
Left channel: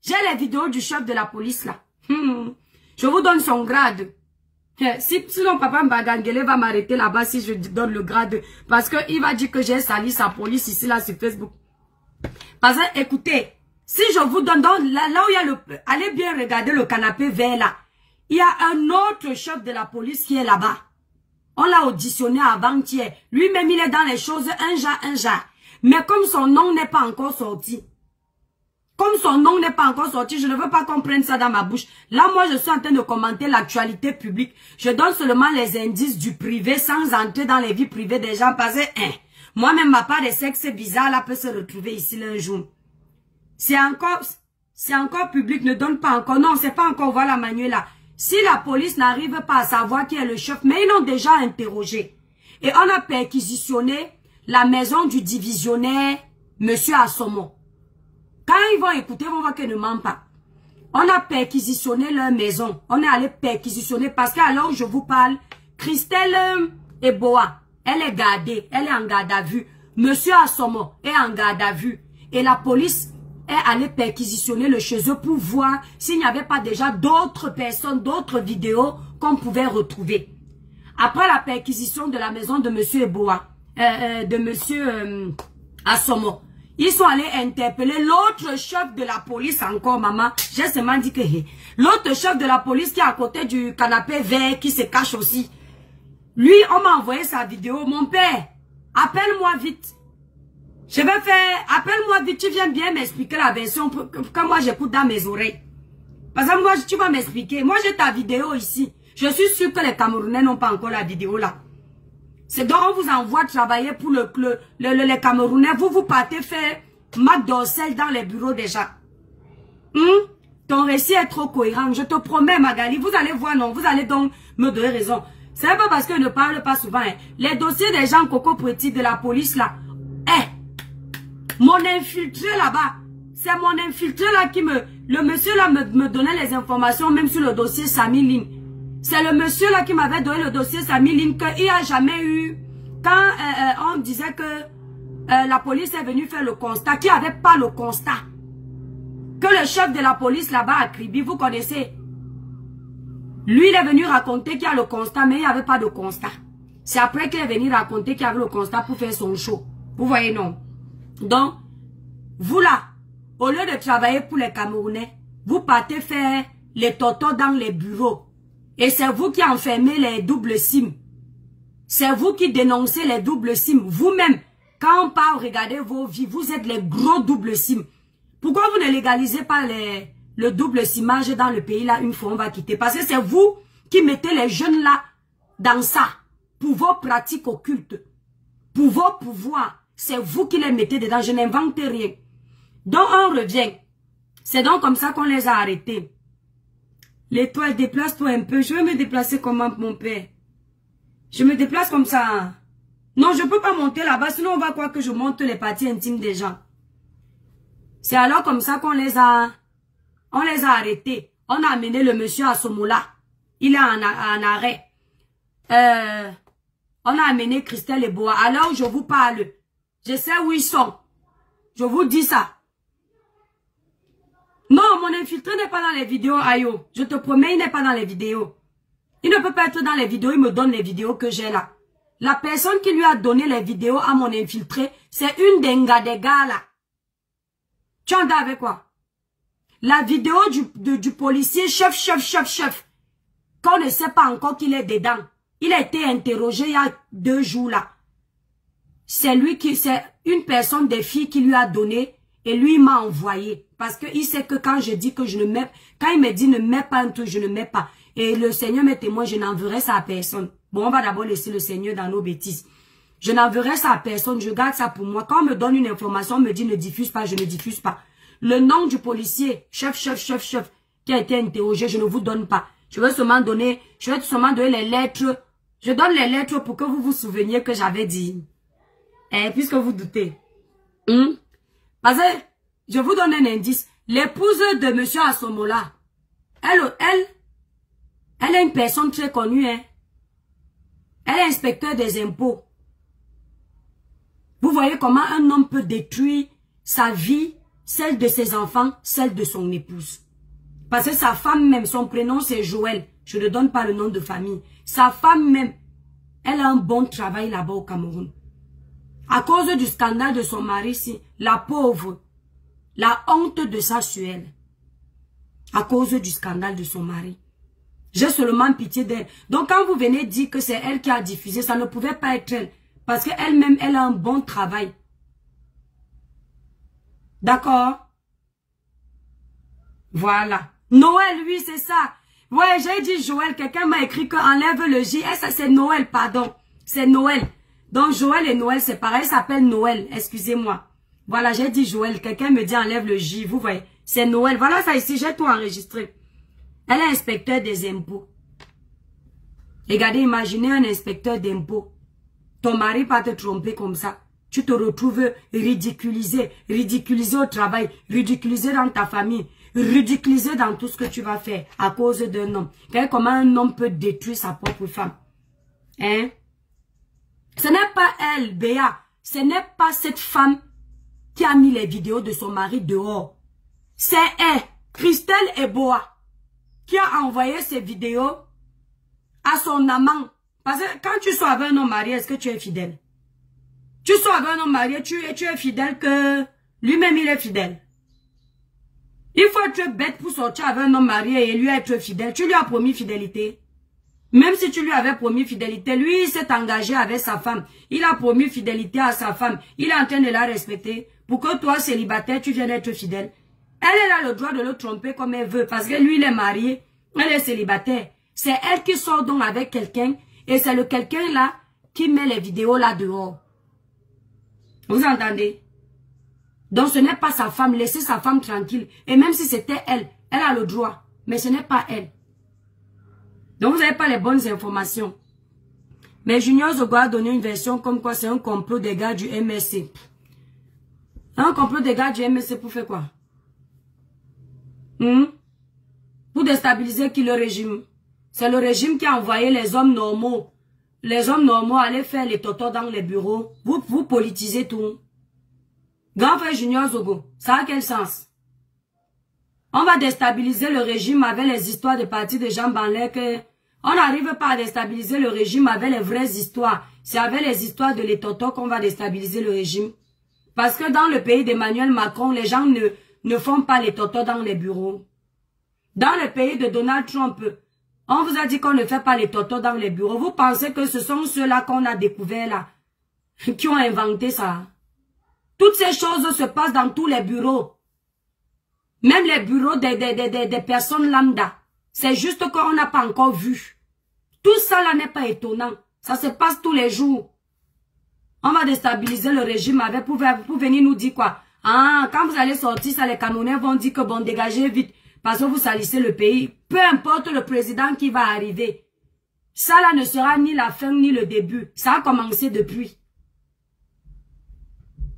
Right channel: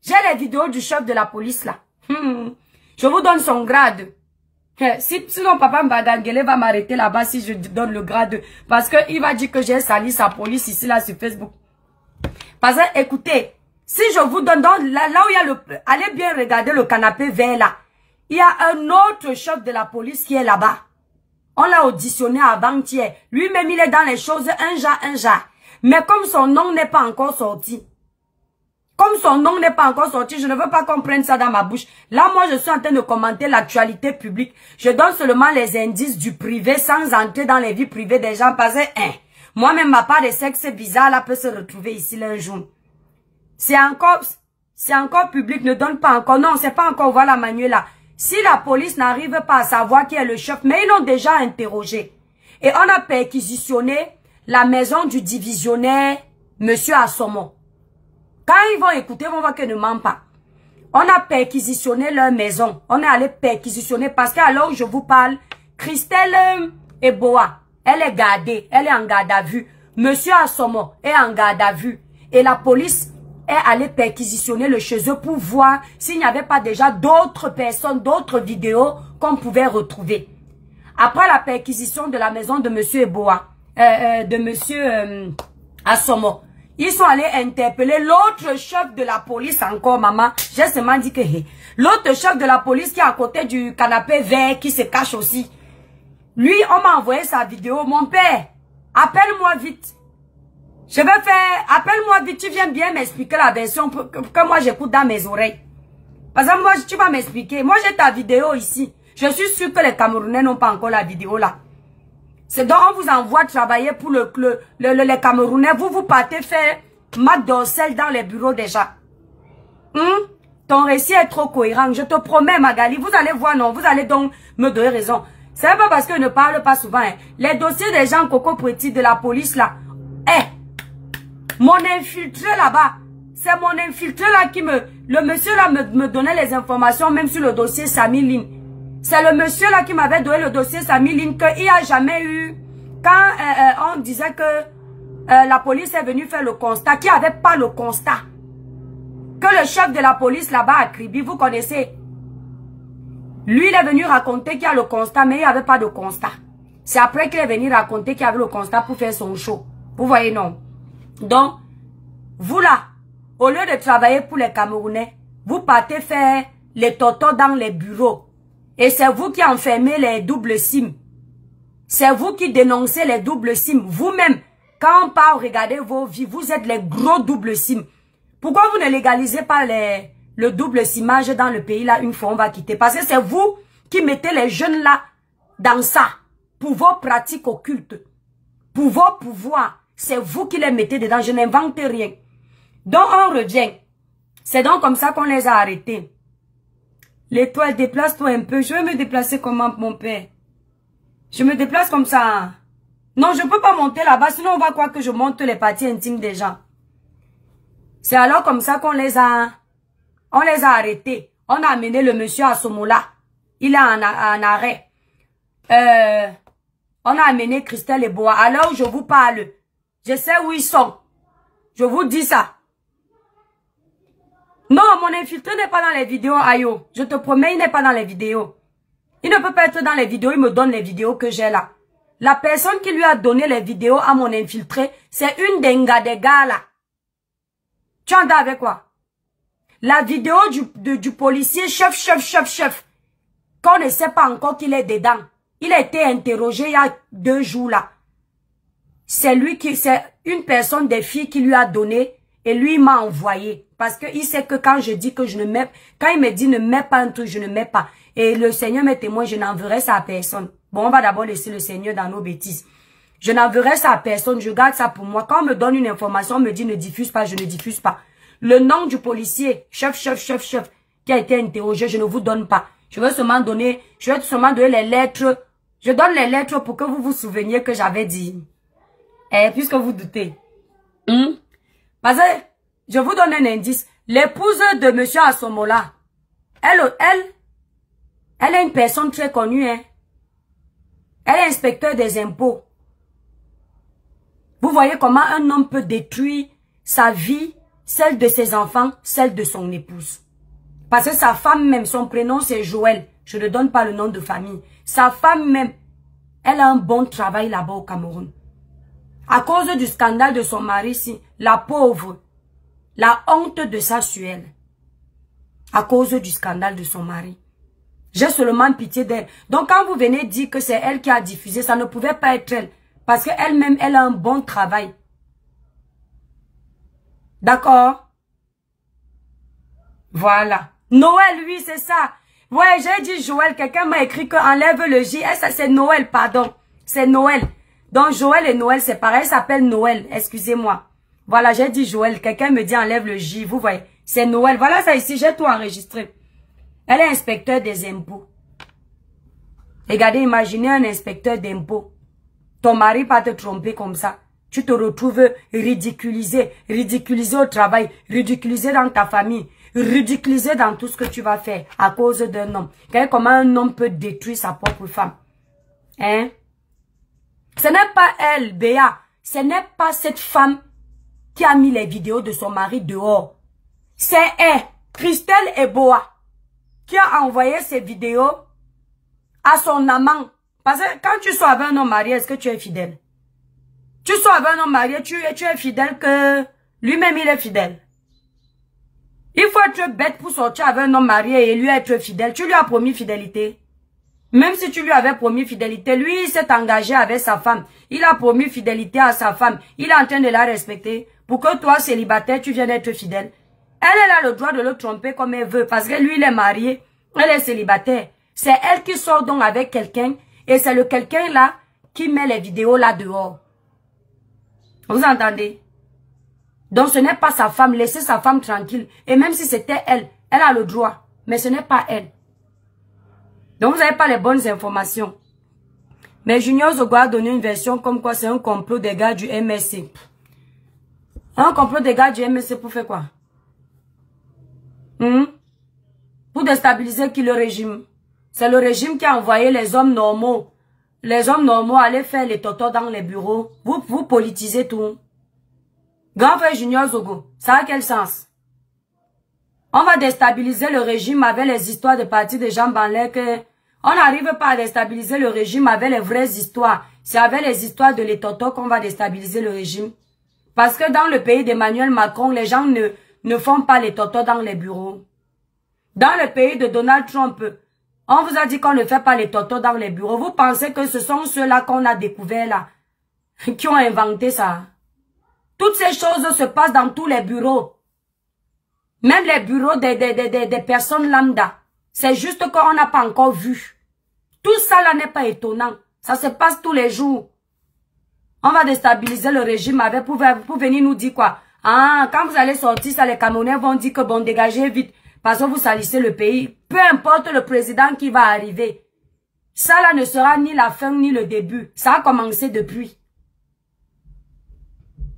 J'ai les vidéos du chef de la police là. Je vous donne son grade. Sinon papa Mbadangele va m'arrêter là-bas si je donne le grade. Parce qu'il va dire que j'ai sali sa police ici là sur Facebook. Parce que, écoutez, si je vous donne, là où il y a le... Allez bien regarder le canapé vert là. Il y a un autre chef de la police qui est là-bas. On l'a auditionné avant-hier. Lui-même, il est dans les choses un genre. Mais comme son nom n'est pas encore sorti. Comme son nom n'est pas encore sorti, je ne veux pas qu'on prenne ça dans ma bouche. Là, moi, je suis en train de commenter l'actualité publique. Je donne seulement les indices du privé sans entrer dans les vies privées des gens. Parce que, moi-même, ma part de sexe bizarre, là, peut se retrouver ici là, un jour. C'est encore public, ne donne pas encore. Non, c'est pas encore, voilà, Manuel là. Si la police n'arrive pas à savoir qui est le chef, mais ils l'ont déjà interrogé. Et on a perquisitionné la maison du divisionnaire, Monsieur Assomo. Quand ils vont écouter, ils vont voir qu'ils ne mentent pas. On a perquisitionné leur maison. On est allé perquisitionner parce qu'alors je vous parle, Christelle Eboa, elle est gardée, elle est en garde à vue. Monsieur Assomo est en garde à vue. Et la police est allée perquisitionner le chez eux pour voir s'il n'y avait pas déjà d'autres personnes, d'autres vidéos qu'on pouvait retrouver. Après la perquisition de la maison de Monsieur Eboa, de Monsieur Assomo, ils sont allés interpeller l'autre chef de la police encore, maman. J'ai seulement dit que l'autre chef de la police qui est à côté du canapé vert, qui se cache aussi. Lui, on m'a envoyé sa vidéo. Mon père, appelle-moi vite. Je vais faire, appelle-moi vite, tu viens bien m'expliquer la version que moi j'écoute dans mes oreilles. Parce que moi, tu vas m'expliquer. Moi, j'ai ta vidéo ici. Je suis sûr que les Camerounais n'ont pas encore la vidéo là. C'est donc on vous envoie travailler pour les Camerounais. Vous partez faire mat d'orsel dans les bureaux déjà. Ton récit est trop cohérent. Je te promets, Magali. Vous allez voir, non. Vous allez donc me donner raison. C'est pas parce que je ne parle pas souvent. Les dossiers des gens Coco Petit de la police là. Mon infiltré là-bas. C'est mon infiltré là qui me... Le monsieur là me donnait les informations même sur le dossier Samy Line. C'est le monsieur là qui m'avait donné le dossier Samy Line qu'il n'y a jamais eu... Quand on disait que la police est venue faire le constat, qu'il n'y avait pas le constat. Que le chef de la police là-bas à Kribi, vous connaissez. Lui, il est venu raconter qu'il y a le constat, mais il n'y avait pas de constat. C'est après qu'il est venu raconter qu'il y avait le constat pour faire son show. Vous voyez, non? Donc, vous là, au lieu de travailler pour les Camerounais, vous partez faire les totos dans les bureaux. Et c'est vous qui enfermez les doubles SIM. C'est vous qui dénoncez les doubles SIM. Vous-même, quand on part regarder vos vies, vous êtes les gros doubles SIM. Pourquoi vous ne légalisez pas le double SIMage dans le pays là, une fois on va quitter? Parce que c'est vous qui mettez les jeunes là dans ça. Pour vos pratiques occultes. Pour vos pouvoirs. C'est vous qui les mettez dedans. Je n'invente rien. Donc on revient. C'est donc comme ça qu'on les a arrêtés. L'étoile, déplace-toi un peu. Je vais me déplacer comment, mon père? Je me déplace comme ça. Non, je ne peux pas monter là-bas. Sinon, on va croire que je monte les parties intimes des gens. C'est alors comme ça qu'on les a... On les a arrêtés. On a amené le monsieur à Somola. Il est en arrêt. On a amené Christelle Eboa. Alors, je vous parle. Je sais où ils sont. Je vous dis ça. Non, mon infiltré n'est pas dans les vidéos, Ayo. Je te promets, il n'est pas dans les vidéos. Il ne peut pas être dans les vidéos, il me donne les vidéos que j'ai là. La personne qui lui a donné les vidéos à mon infiltré, c'est une des gars là. Tu entends avec quoi? La vidéo du policier, chef. Qu'on ne sait pas encore qu'il est dedans. Il a été interrogé il y a 2 jours là. C'est une personne des filles qui lui a donné et lui m'a envoyé. Parce qu'il sait que quand je dis que je ne mets, quand il me dit ne mets pas un truc, je ne mets pas. Et le Seigneur m'est témoin, je n'enverrai ça à personne. Bon, on va d'abord laisser le Seigneur dans nos bêtises. Je n'enverrai ça à personne, je garde ça pour moi. Quand on me donne une information, on me dit ne diffuse pas, je ne diffuse pas. Le nom du policier, chef, qui a été interrogé, je ne vous donne pas. Je vais seulement donner les lettres. Je donne les lettres pour que vous vous souveniez que j'avais dit. Puisque vous doutez. Parce que, je vous donne un indice. L'épouse de monsieur Asomola, elle est une personne très connue, hein. Elle est inspecteur des impôts. Vous voyez comment un homme peut détruire sa vie, celle de ses enfants, celle de son épouse. Parce que sa femme même, son prénom c'est Joël. Je ne donne pas le nom de famille. Sa femme même, elle a un bon travail là-bas au Cameroun. À cause du scandale de son mari, si, la pauvre, la honte de sa suelle. À cause du scandale de son mari. J'ai seulement pitié d'elle. Donc quand vous venez dire que c'est elle qui a diffusé, ça ne pouvait pas être elle. Parce qu'elle-même, elle a un bon travail. D'accord? Voilà. Noël, oui, c'est ça. Ouais, j'ai dit Joël. Quelqu'un m'a écrit que enlève le J. Ça, c'est Noël, pardon. C'est Noël. Donc Joël et Noël, c'est pareil. Ça s'appelle Noël. Excusez-moi. Voilà, j'ai dit Joël. Quelqu'un me dit enlève le J. Vous voyez. C'est Noël. Voilà ça ici. J'ai tout enregistré. Elle est inspecteur des impôts. Regardez, imaginez un inspecteur d'impôts. Ton mari va te tromper comme ça. Tu te retrouves ridiculisé. Ridiculisé au travail. Ridiculisé dans ta famille. Ridiculisé dans tout ce que tu vas faire à cause d'un homme. Regardez comment un homme peut détruire sa propre femme. Hein? Ce n'est pas elle, Béa. Ce n'est pas cette femme qui a mis les vidéos de son mari dehors. C'est elle, Christelle Eboa, qui a envoyé ces vidéos à son amant. Parce que quand tu sois avec un homme marié, est-ce que tu es fidèle? Tu sois avec un homme marié, tu es fidèle que lui-même il est fidèle. Il faut être bête pour sortir avec un homme marié et lui être fidèle. Tu lui as promis fidélité. Même si tu lui avais promis fidélité, lui il s'est engagé avec sa femme. Il a promis fidélité à sa femme. Il est en train de la respecter. Pour que toi, célibataire, tu viennes être fidèle. Elle a le droit de le tromper comme elle veut. Parce que lui, il est marié. Elle est célibataire. C'est elle qui sort donc avec quelqu'un. Et c'est le quelqu'un là qui met les vidéos là dehors. Vous entendez? Donc ce n'est pas sa femme. Laissez sa femme tranquille. Et même si c'était elle, elle a le droit. Mais ce n'est pas elle. Donc vous n'avez pas les bonnes informations. Mais Junior Zogo a donné une version comme quoi c'est un complot des gars du MSC. Un complot des gars du MSC pour faire quoi? Pour déstabiliser qui le régime? C'est le régime qui a envoyé les hommes normaux. Les hommes normaux allaient faire les totos dans les bureaux. Vous politisez tout. Grand frère Junior Zogo, ça a quel sens? On va déstabiliser le régime avec les histoires de partis de jambes en l'air que... On n'arrive pas à déstabiliser le régime avec les vraies histoires. C'est avec les histoires de les totos qu'on va déstabiliser le régime. Parce que dans le pays d'Emmanuel Macron, les gens ne font pas les totos dans les bureaux. Dans le pays de Donald Trump, on vous a dit qu'on ne fait pas les totos dans les bureaux. Vous pensez que ce sont ceux-là qu'on a découverts là, qui ont inventé ça? Toutes ces choses se passent dans tous les bureaux. Même les bureaux des personnes lambda. C'est juste qu'on n'a pas encore vu. Tout ça là n'est pas étonnant. Ça se passe tous les jours. On va déstabiliser le régime avec pour venir nous dire quoi? Ah, quand vous allez sortir, ça les Camerounais vont dire que bon, dégagez vite. Parce que vous salissez le pays. Peu importe le président qui va arriver. Ça là ne sera ni la fin ni le début. Ça a commencé depuis.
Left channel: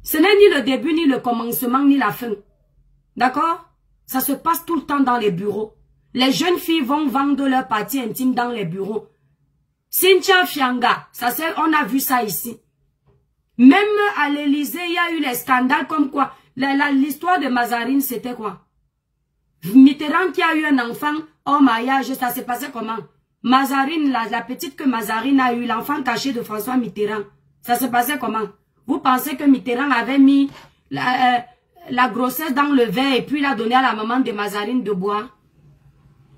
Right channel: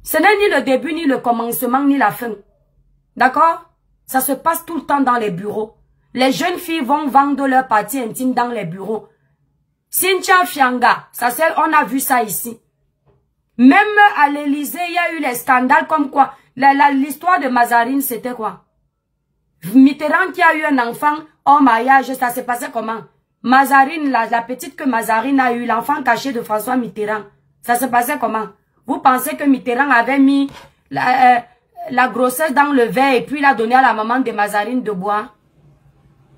Ce n'est ni le début, ni le commencement, ni la fin. D'accord? Ça se passe tout le temps dans les bureaux. Les jeunes filles vont vendre leurs parties intimes dans les bureaux. Cynthia Fianga, on a vu ça ici. Même à l'Élysée, il y a eu les scandales comme quoi l'histoire de Mazarine, c'était quoi? Mitterrand qui a eu un enfant hors mariage, ça s'est passé comment? Mazarine, la petite que Mazarine a eu, l'enfant caché de François Mitterrand, ça se passait comment? Vous pensez que Mitterrand avait mis la grossesse dans le verre et puis l'a donné à la maman de Mazarine de boire?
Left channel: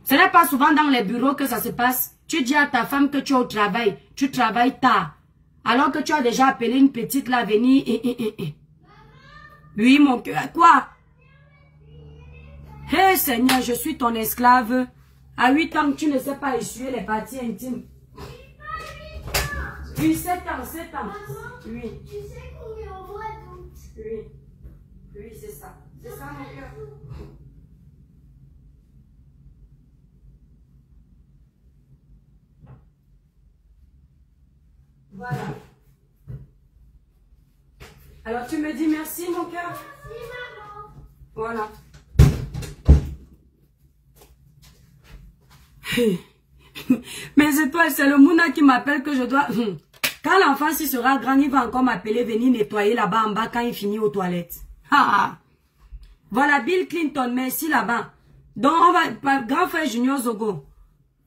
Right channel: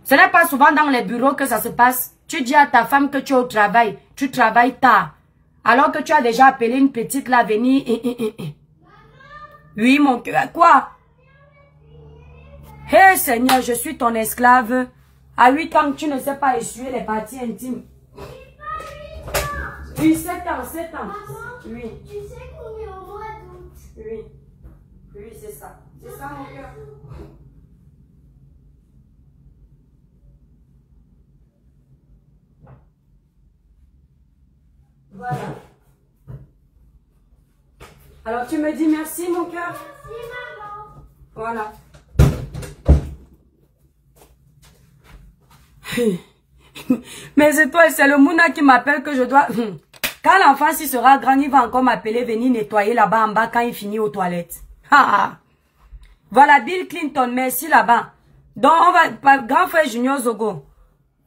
Ce n'est pas souvent dans les bureaux que ça se passe. Tu dis à ta femme que tu es au travail, tu travailles tard, alors que tu as déjà appelé une petite là venir. Oui, mon cœur, quoi? Hé Seigneur, je suis ton esclave. À 8 ans, tu ne sais pas essuyer les parties intimes. Oui, 7 ans, 7 ans. Oui. Tu sais qu'on est au mois d'août. Oui. Oui, c'est ça. C'est ça, mon cœur. Voilà. Alors, tu me dis merci, mon cœur? Merci, maman. Voilà. Mais c'est toi, c'est le Mouna qui m'appelle que je dois... Quand l'enfant s'y sera grand, il va encore m'appeler venir nettoyer là-bas en bas quand il finit aux toilettes. Voilà, Bill Clinton, merci là-bas. Donc, on va... Grand frère Junior Zogo,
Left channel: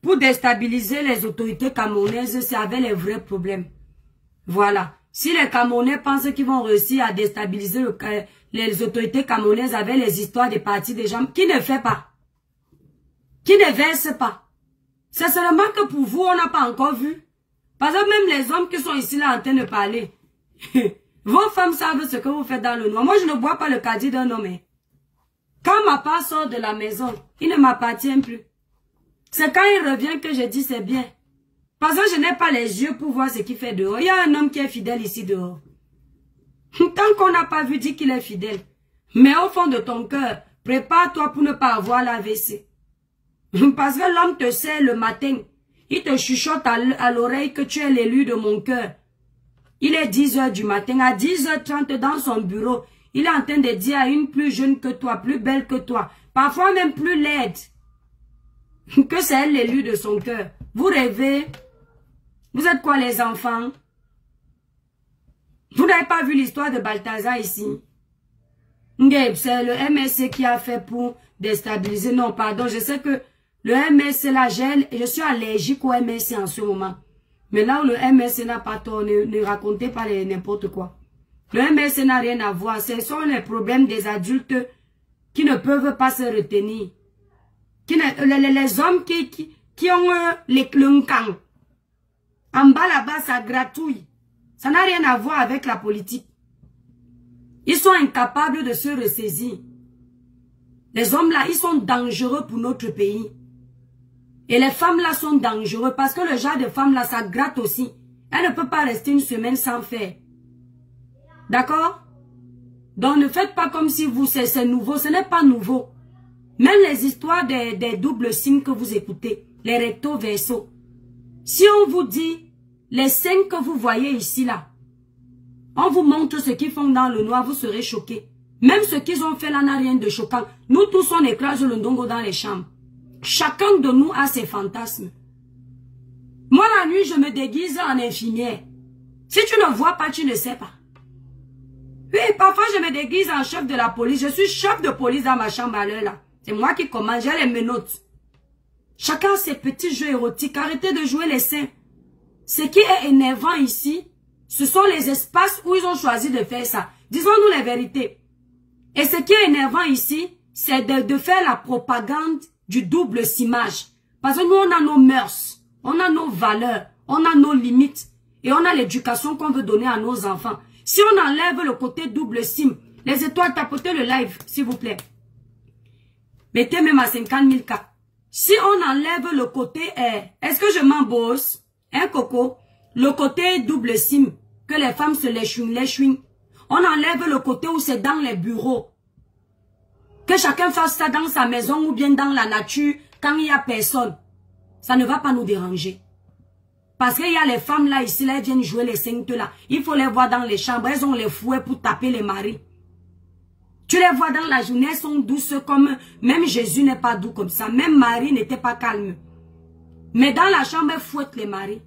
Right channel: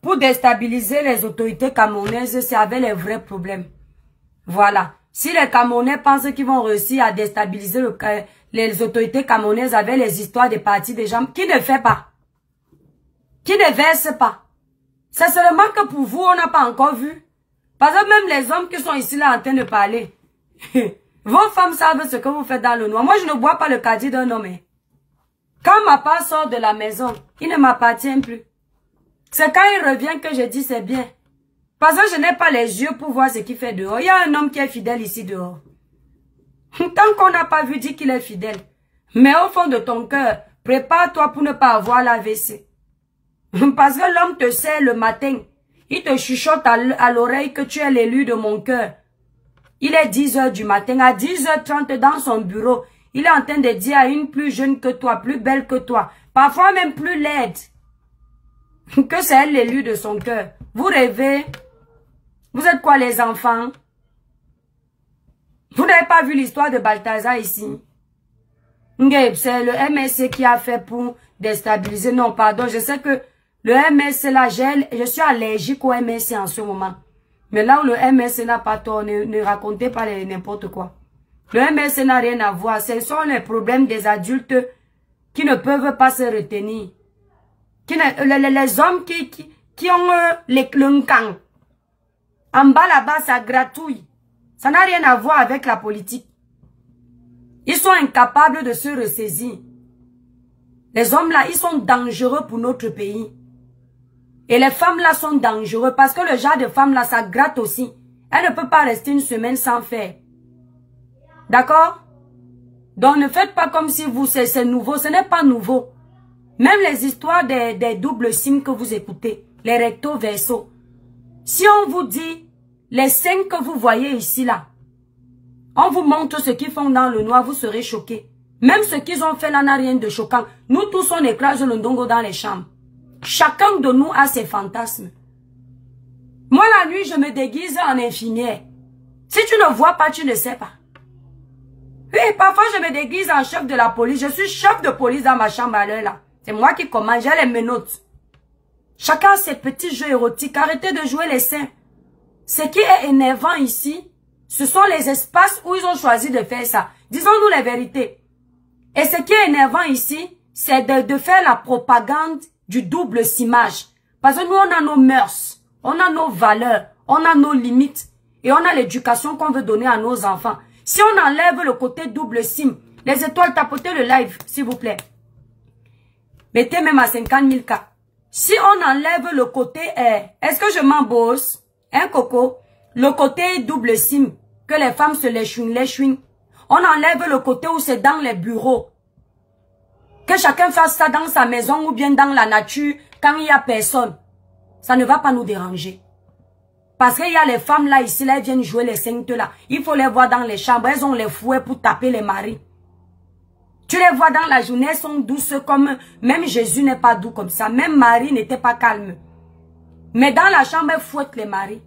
pour déstabiliser les autorités camerounaises, c'est avec les vrais problèmes. Voilà. Si les Camerounais pensent qu'ils vont réussir à déstabiliser les autorités camerounaises avec les histoires des partis des gens, qui ne fait pas? Qui ne verse pas? C'est seulement que pour vous, on n'a pas encore vu. Parce que même les hommes qui sont ici là en train de parler, vos femmes savent ce que vous faites dans le noir. Moi, je ne bois pas le caddie d'un homme. Quand ma part sort de la maison, il ne m'appartient plus. C'est quand il revient que je dis c'est bien. Parce que je n'ai pas les yeux pour voir ce qu'il fait dehors. Il y a un homme qui est fidèle ici dehors. Tant qu'on n'a pas vu, dis qu'il est fidèle. Mais au fond de ton cœur, prépare-toi pour ne pas avoir l'AVC. Parce que l'homme te sert le matin. Il te chuchote à l'oreille que tu es l'élu de mon cœur. Il est 10 h du matin. À 10h30 dans son bureau, il est en train de dire à une plus jeune que toi, plus belle que toi, parfois même plus laide, que c'est elle l'élu de son cœur. Vous rêvez? Vous êtes quoi les enfants? Vous n'avez pas vu l'histoire de Balthazar ici? C'est le MSC qui a fait pour déstabiliser. Non, pardon, je sais que le MSC là, je suis allergique au MSC en ce moment. Mais là où le MSC n'a pas tort, ne racontez pas n'importe quoi. Le MSC n'a rien à voir. Ce sont les problèmes des adultes qui ne peuvent pas se retenir. Les hommes qui ont le camp. En bas là-bas, ça gratouille. Ça n'a rien à voir avec la politique. Ils sont incapables de se ressaisir. Les hommes là, ils sont dangereux pour notre pays. Et les femmes là sont dangereuses parce que le genre de femme là, ça gratte aussi. Elle ne peut pas rester une semaine sans faire. D'accord? Donc ne faites pas comme si vous, c'est nouveau. Ce n'est pas nouveau. Même les histoires des doubles signes que vous écoutez, les recto verso. Si on vous dit, les signes que vous voyez ici là, on vous montre ce qu'ils font dans le noir, vous serez choqués. Même ce qu'ils ont fait là n'a rien de choquant. Nous tous on écrase le ndongo dans les chambres. Chacun de nous a ses fantasmes. Moi la nuit je me déguise en infirmière. Si tu ne vois pas, tu ne sais pas. Oui, parfois je me déguise en chef de la police. Je suis chef de police dans ma chambre à l'heure là. C'est moi qui commande, j'ai les menottes. Chacun a ses petits jeux érotiques. Arrêtez de jouer les seins. Ce qui est énervant ici, ce sont les espaces où ils ont choisi de faire ça. Disons-nous les vérités. Et ce qui est énervant ici, c'est de faire la propagande du double simage. Parce que nous, on a nos mœurs, on a nos valeurs, on a nos limites. Et on a l'éducation qu'on veut donner à nos enfants. Si on enlève le côté double sim, les étoiles, tapotez le live, s'il vous plaît. Mettez même à 50 000 cas. Si on enlève le côté, est-ce que je m'embosse? Hein, Coco? Le côté double sim, que les femmes se léchouinent. On enlève le côté où c'est dans les bureaux. Que chacun fasse ça dans sa maison ou bien dans la nature, quand il n'y a personne. Ça ne va pas nous déranger. Parce qu'il y a les femmes là, ici, là, elles viennent jouer les saintes là. Il faut les voir dans les chambres, elles ont les fouets pour taper les maris. Tu les vois dans la journée, elles sont douces comme... Même Jésus n'est pas doux comme ça. Même Marie n'était pas calme. Mais dans la chambre, elles fouettent les maris.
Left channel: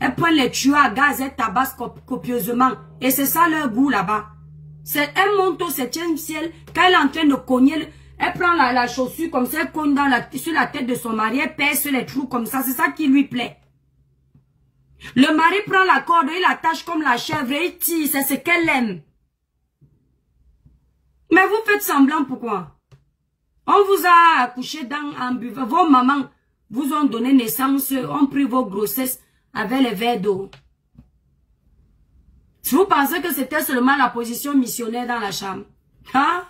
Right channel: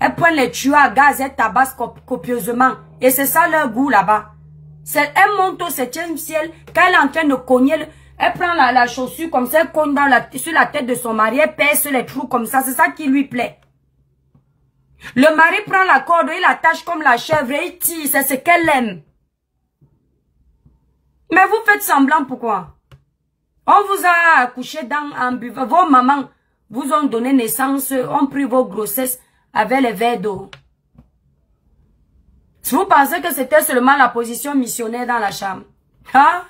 Elles prennent les tuyaux à gaz, elles tabassent copieusement. Et c'est ça leur goût là-bas. Elle monte au 7e ciel. Quand elle est en train de cogner, elle prend la chaussure comme ça, elle cogne sur la tête de son mari, elle perce les trous comme ça. C'est ça qui lui plaît. Le mari prend la corde, il l'attache comme la chèvre et il tire. C'est ce qu'elle aime. Mais vous faites semblant pourquoi? On vous a accouché en buvant. Vos mamans vous ont donné naissance, ont pris vos grossesses avec les verres d'eau. Si vous pensez que c'était seulement la position missionnaire dans la chambre. Hein?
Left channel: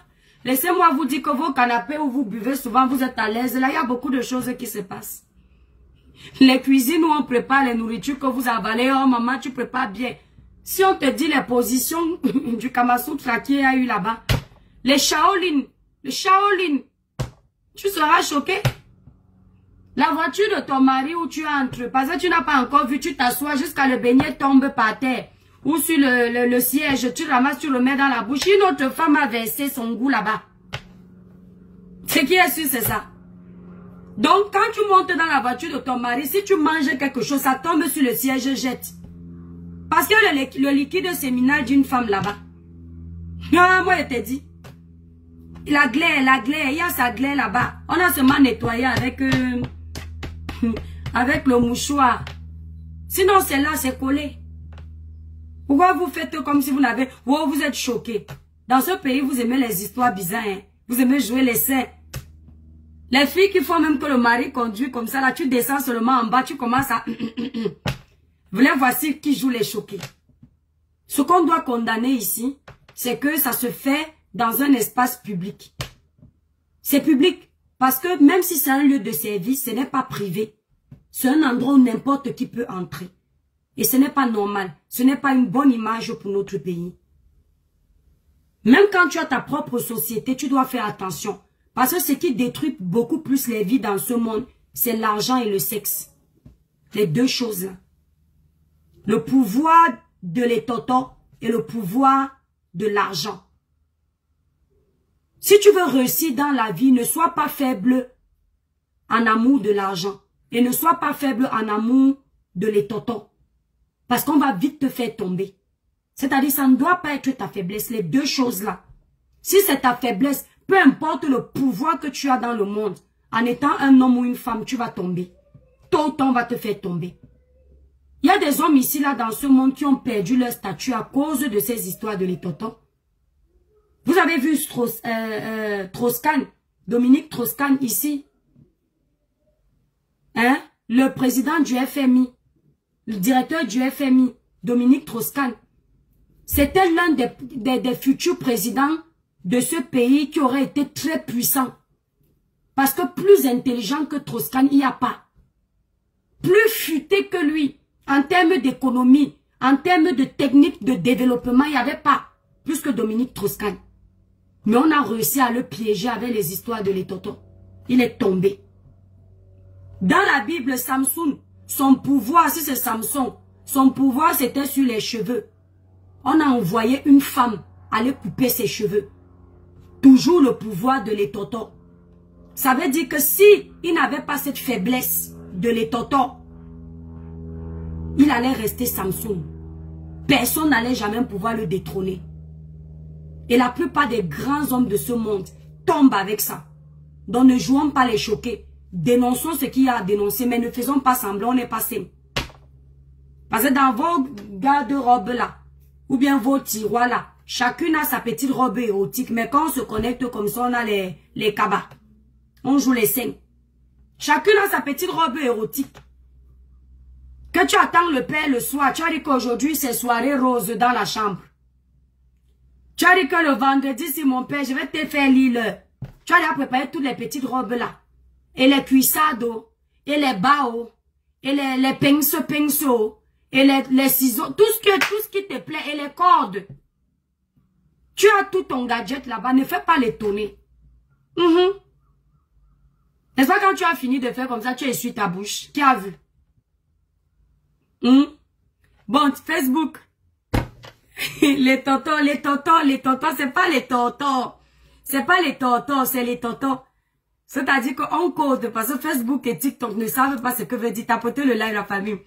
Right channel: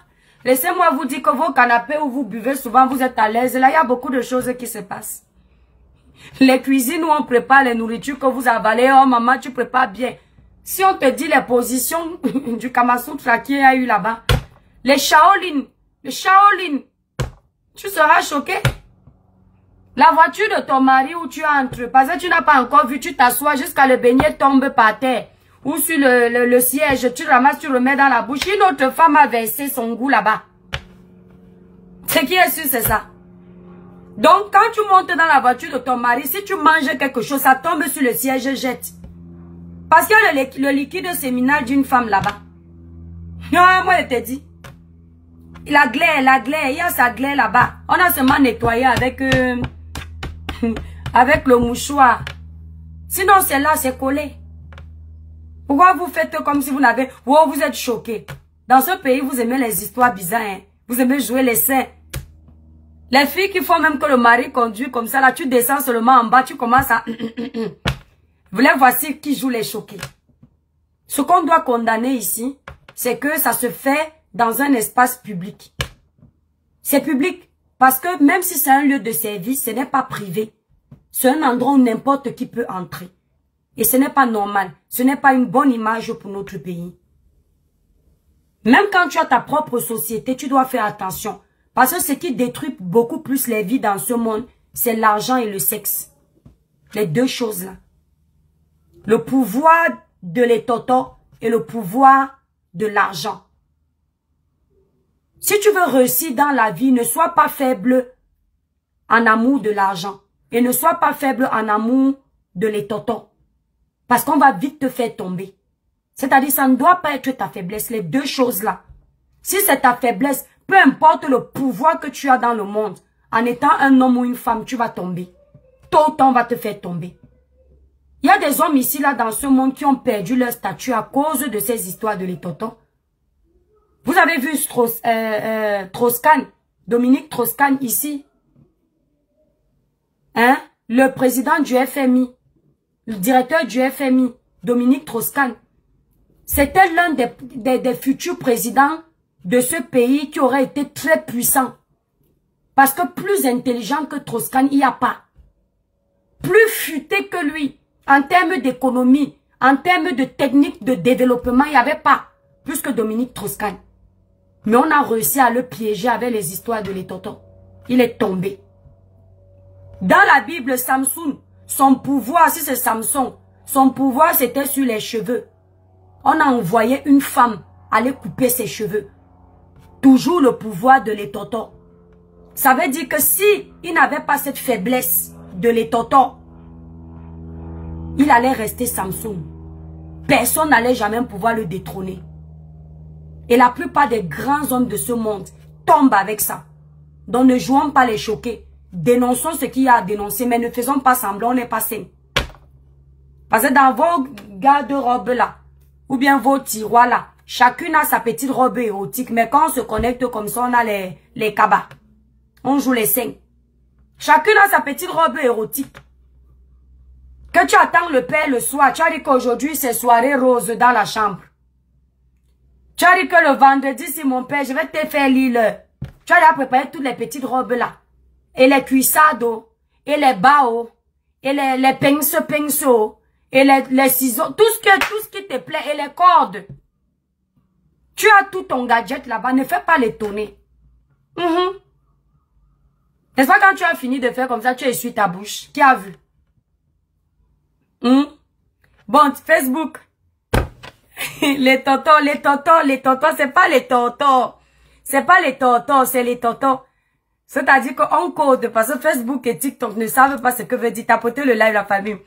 Laissez-moi vous dire que vos canapés où vous buvez souvent, vous êtes à l'aise. Là, il y a beaucoup de choses qui se passent. Les cuisines où on prépare les nourritures que vous avalez. Oh maman, tu prépares bien. Si on te dit les positions du Kamasutra qu'il y a eu là-bas. Les Shaolin. Le Shaolin. Tu seras choqué. La voiture de ton mari où tu entres. Parce que tu n'as pas encore vu, tu t'assois jusqu'à le beignet tombe par terre. Ou sur le siège, tu ramasses, tu le mets dans la bouche. Une autre femme a versé son goût là-bas. Ce qui est sûr, c'est ça. Donc, quand tu montes dans la voiture de ton mari, si tu manges quelque chose, ça tombe sur le siège et jette. Parce que le liquide séminal d'une femme là-bas. Non, moi, je te dis. La glaire, il y a sa glaire là-bas. On a seulement nettoyé avec, avec le mouchoir. Sinon, c'est là, c'est collé. Pourquoi vous faites comme si vous n'avez... Oh, vous êtes choqués. Dans ce pays, vous aimez les histoires bizarres. Hein? Vous aimez jouer les saints. Les filles qui font même que le mari conduit comme ça, là, tu descends seulement en bas, tu commences à... Voici qui joue les choqués. Ce qu'on doit condamner ici, c'est que ça se fait dans un espace public. C'est public. Parce que même si c'est un lieu de service, ce n'est pas privé. C'est un endroit où n'importe qui peut entrer. Et ce n'est pas normal. Ce n'est pas une bonne image pour notre pays. Même quand tu as ta propre société, tu dois faire attention. Parce que ce qui détruit beaucoup plus les vies dans ce monde, c'est l'argent et le sexe. Les deux choses-là. Le pouvoir de l'étoto et le pouvoir de l'argent. Si tu veux réussir dans la vie, ne sois pas faible en amour de l'argent. Et ne sois pas faible en amour de l'étoto. Parce qu'on va vite te faire tomber. C'est-à-dire, ça ne doit pas être ta faiblesse, les deux choses-là. Si c'est ta faiblesse, peu importe le pouvoir que tu as dans le monde, en étant un homme ou une femme, tu vas tomber. Tôt ou tard, on va te faire tomber. Il y a des hommes ici, là, dans ce monde, qui ont perdu leur statut à cause de ces histoires de l'étoto. Vous avez vu Strauss-Kahn, Dominique Strauss-Kahn ici. Hein? Le président du FMI. Le directeur du FMI, Dominique Strauss-Kahn, c'était l'un des futurs présidents de ce pays qui aurait été très puissant. Parce que plus intelligent que Strauss-Kahn, il n'y a pas. Plus futé que lui, en termes d'économie, en termes de technique de développement, il n'y avait pas plus que Dominique Strauss-Kahn. Mais on a réussi à le piéger avec les histoires de l'étoto. Il est tombé. Dans la Bible, Samson, son pouvoir, si c'est Samson, son pouvoir c'était sur les cheveux. On a envoyé une femme aller couper ses cheveux. Toujours le pouvoir de l'étoto. Ça veut dire que si il n'avait pas cette faiblesse de l'étoto, il allait rester Samson. Personne n'allait jamais pouvoir le détrôner. Et la plupart des grands hommes de ce monde tombent avec ça. Donc ne jouons pas les choqués. Dénonçons ce qu'il y a à dénoncer, mais ne faisons pas semblant, on n'est pas sain. Parce que dans vos garde-robes là, ou bien vos tiroirs là, chacune a sa petite robe érotique, mais quand on se connecte comme ça, on a les cabas. On joue les seins. Chacune a sa petite robe érotique. Que tu attends le père le soir, tu as dit qu'aujourd'hui c'est soirée rose dans la chambre. Tu as dit que le vendredi, si mon père, je vais te faire lire. Tu as déjà préparé toutes les petites robes là. Et les cuissades, et les baos, et les pinceaux, et les ciseaux, tout ce qui te plaît, et les cordes. Tu as tout ton gadget là-bas, ne fais pas l'étonner. N'est-ce pas quand tu as fini de faire comme ça, tu essuies ta bouche. Qui a vu? Bon, Facebook. Les tontons, c'est pas les tontons. C'est pas les tontons, c'est les tontons. C'est-à-dire qu'on code, parce que Facebook et TikTok ne savent pas ce que veut dire tapoter le live la famille.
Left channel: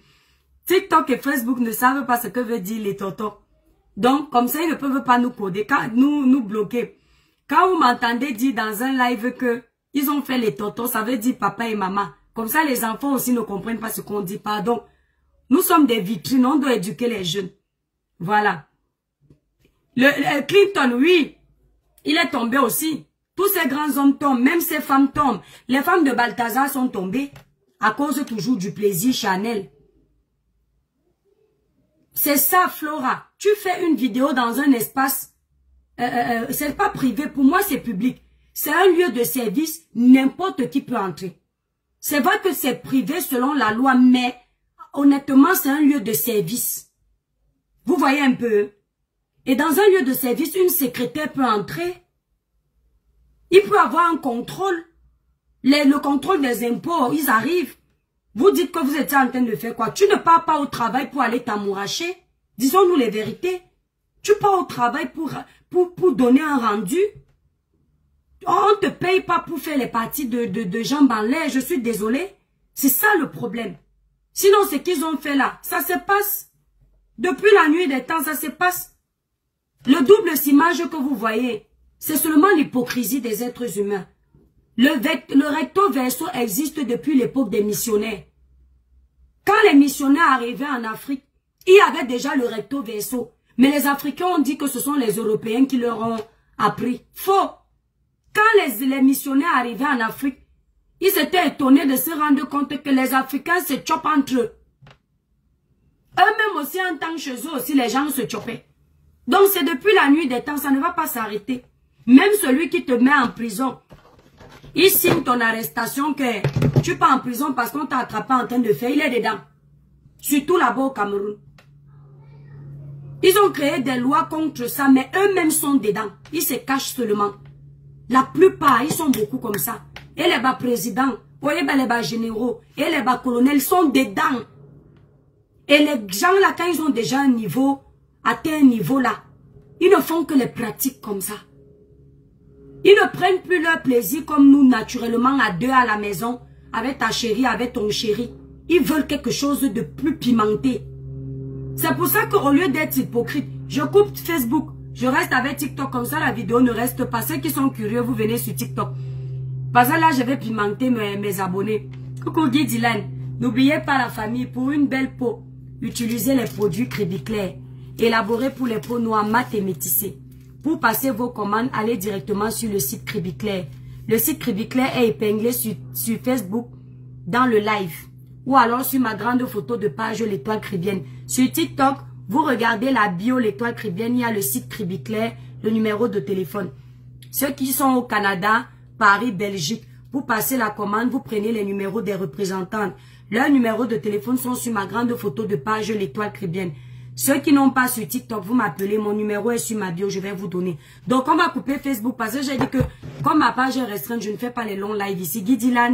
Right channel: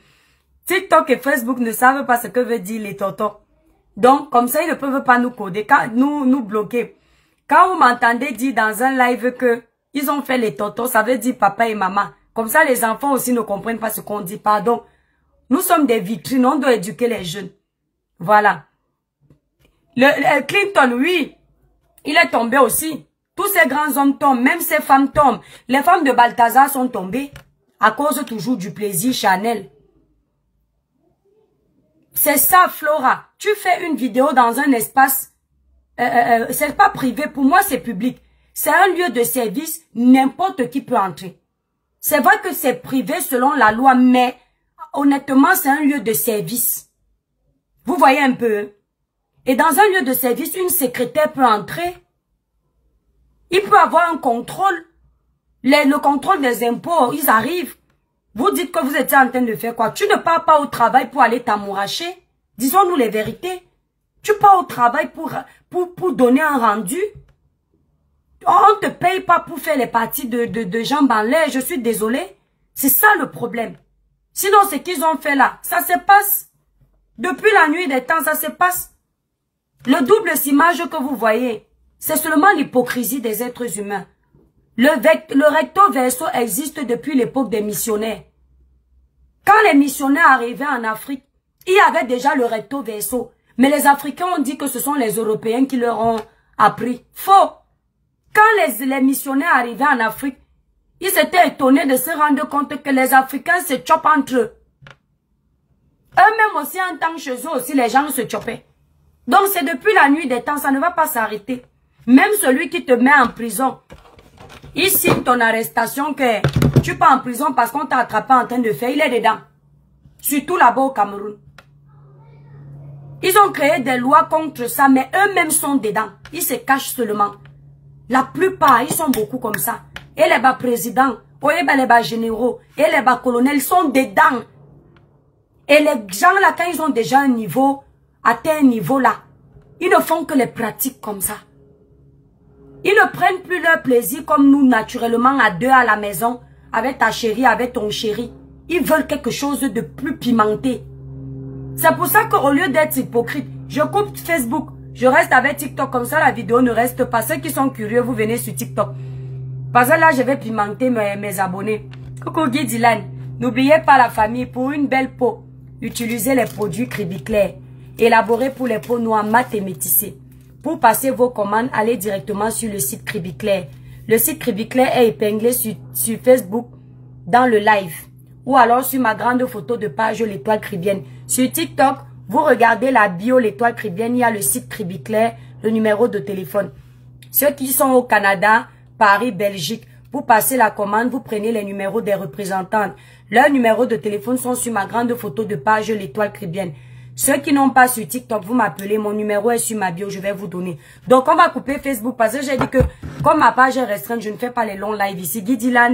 TikTok et Facebook ne savent pas ce que veut dire les tontons. Donc, comme ça, ils ne peuvent pas nous coder, nous bloquer. Quand vous m'entendez dire dans un live que ils ont fait les tontons, ça veut dire papa et maman. Comme ça, les enfants aussi ne comprennent pas ce qu'on dit. Pardon. Nous sommes des vitrines, on doit éduquer les jeunes. Voilà. Le Clinton, oui, il est tombé aussi. Tous ces grands hommes tombent, même ces femmes tombent. Les femmes de Balthazar sont tombées à cause toujours du plaisir Chanel. C'est ça, Flora. Tu fais une vidéo dans un espace, c'est pas privé, pour moi c'est public. C'est un lieu de service, n'importe qui peut entrer. C'est vrai que c'est privé selon la loi, mais honnêtement, c'est un lieu de service. Vous voyez un peu? Et dans un lieu de service, une secrétaire peut entrer. Il peut avoir un contrôle. Le contrôle des impôts, ils arrivent. Vous dites que vous étiez en train de faire quoi? Tu ne pars pas au travail pour aller t'amouracher. Disons-nous les vérités. Tu pars au travail pour donner un rendu. On ne te paye pas pour faire les parties de jambes en l'air. Je suis désolée. C'est ça le problème. Sinon, ce qu'ils ont fait là, ça se passe. Depuis la nuit des temps, ça se passe. Le double image que vous voyez, c'est seulement l'hypocrisie des êtres humains. Le recto verso existe depuis l'époque des missionnaires. Quand les missionnaires arrivaient en Afrique, il y avait déjà le recto verso. Mais les Africains ont dit que ce sont les Européens qui leur ont appris. Faux. Quand les missionnaires arrivaient en Afrique, ils s'étaient étonnés de se rendre compte que les Africains se chopent entre eux. Eux-mêmes aussi, en tant que chez eux aussi, les gens se chopaient. Donc c'est depuis la nuit des temps, ça ne va pas s'arrêter. Même celui qui te met en prison, il signe ton arrestation que tu pars en prison parce qu'on t'a attrapé en train de faire, il est dedans. Surtout là-bas au Cameroun. Ils ont créé des lois contre ça, mais eux-mêmes sont dedans. Ils se cachent seulement. La plupart, ils sont beaucoup comme ça. Et les bas présidents, et les bas généraux, et les bas colonels sont dedans. Et les gens là, quand ils ont déjà un niveau, atteint un niveau là, ils ne font que les pratiques comme ça. Ils ne prennent plus leur plaisir comme nous, naturellement, à deux à la maison, avec ta chérie, avec ton chéri. Ils veulent quelque chose de plus pimenté. C'est pour ça qu'au lieu d'être hypocrite, je coupe Facebook, je reste avec TikTok, comme ça la vidéo ne reste pas. Ceux qui sont curieux, vous venez sur TikTok. Parce que là, je vais pimenter mes abonnés. Coucou Guy Dylan, n'oubliez pas la famille, pour une belle peau, utilisez les produits Cribiclair, élaborés pour les peaux noires, mat et métissées. Pour passer vos commandes, allez directement sur le site Cribiclair. Le site Cribiclair est épinglé sur Facebook dans le live. Ou alors sur ma grande photo de page l'étoile cribienne. Sur TikTok, vous regardez la bio l'étoile cribienne, il y a le site Cribiclair, le numéro de téléphone. Ceux qui sont au Canada, Paris, Belgique, pour passer la commande, vous prenez les numéros des représentants. Leurs numéros de téléphone sont sur ma grande photo de page l'étoile cribienne. Ceux qui n'ont pas sur TikTok, vous m'appelez, mon numéro est sur ma bio, je vais vous donner. Donc on va couper Facebook parce que j'ai dit que comme ma page est restreinte, je ne fais pas les longs lives ici. Guy Dylan.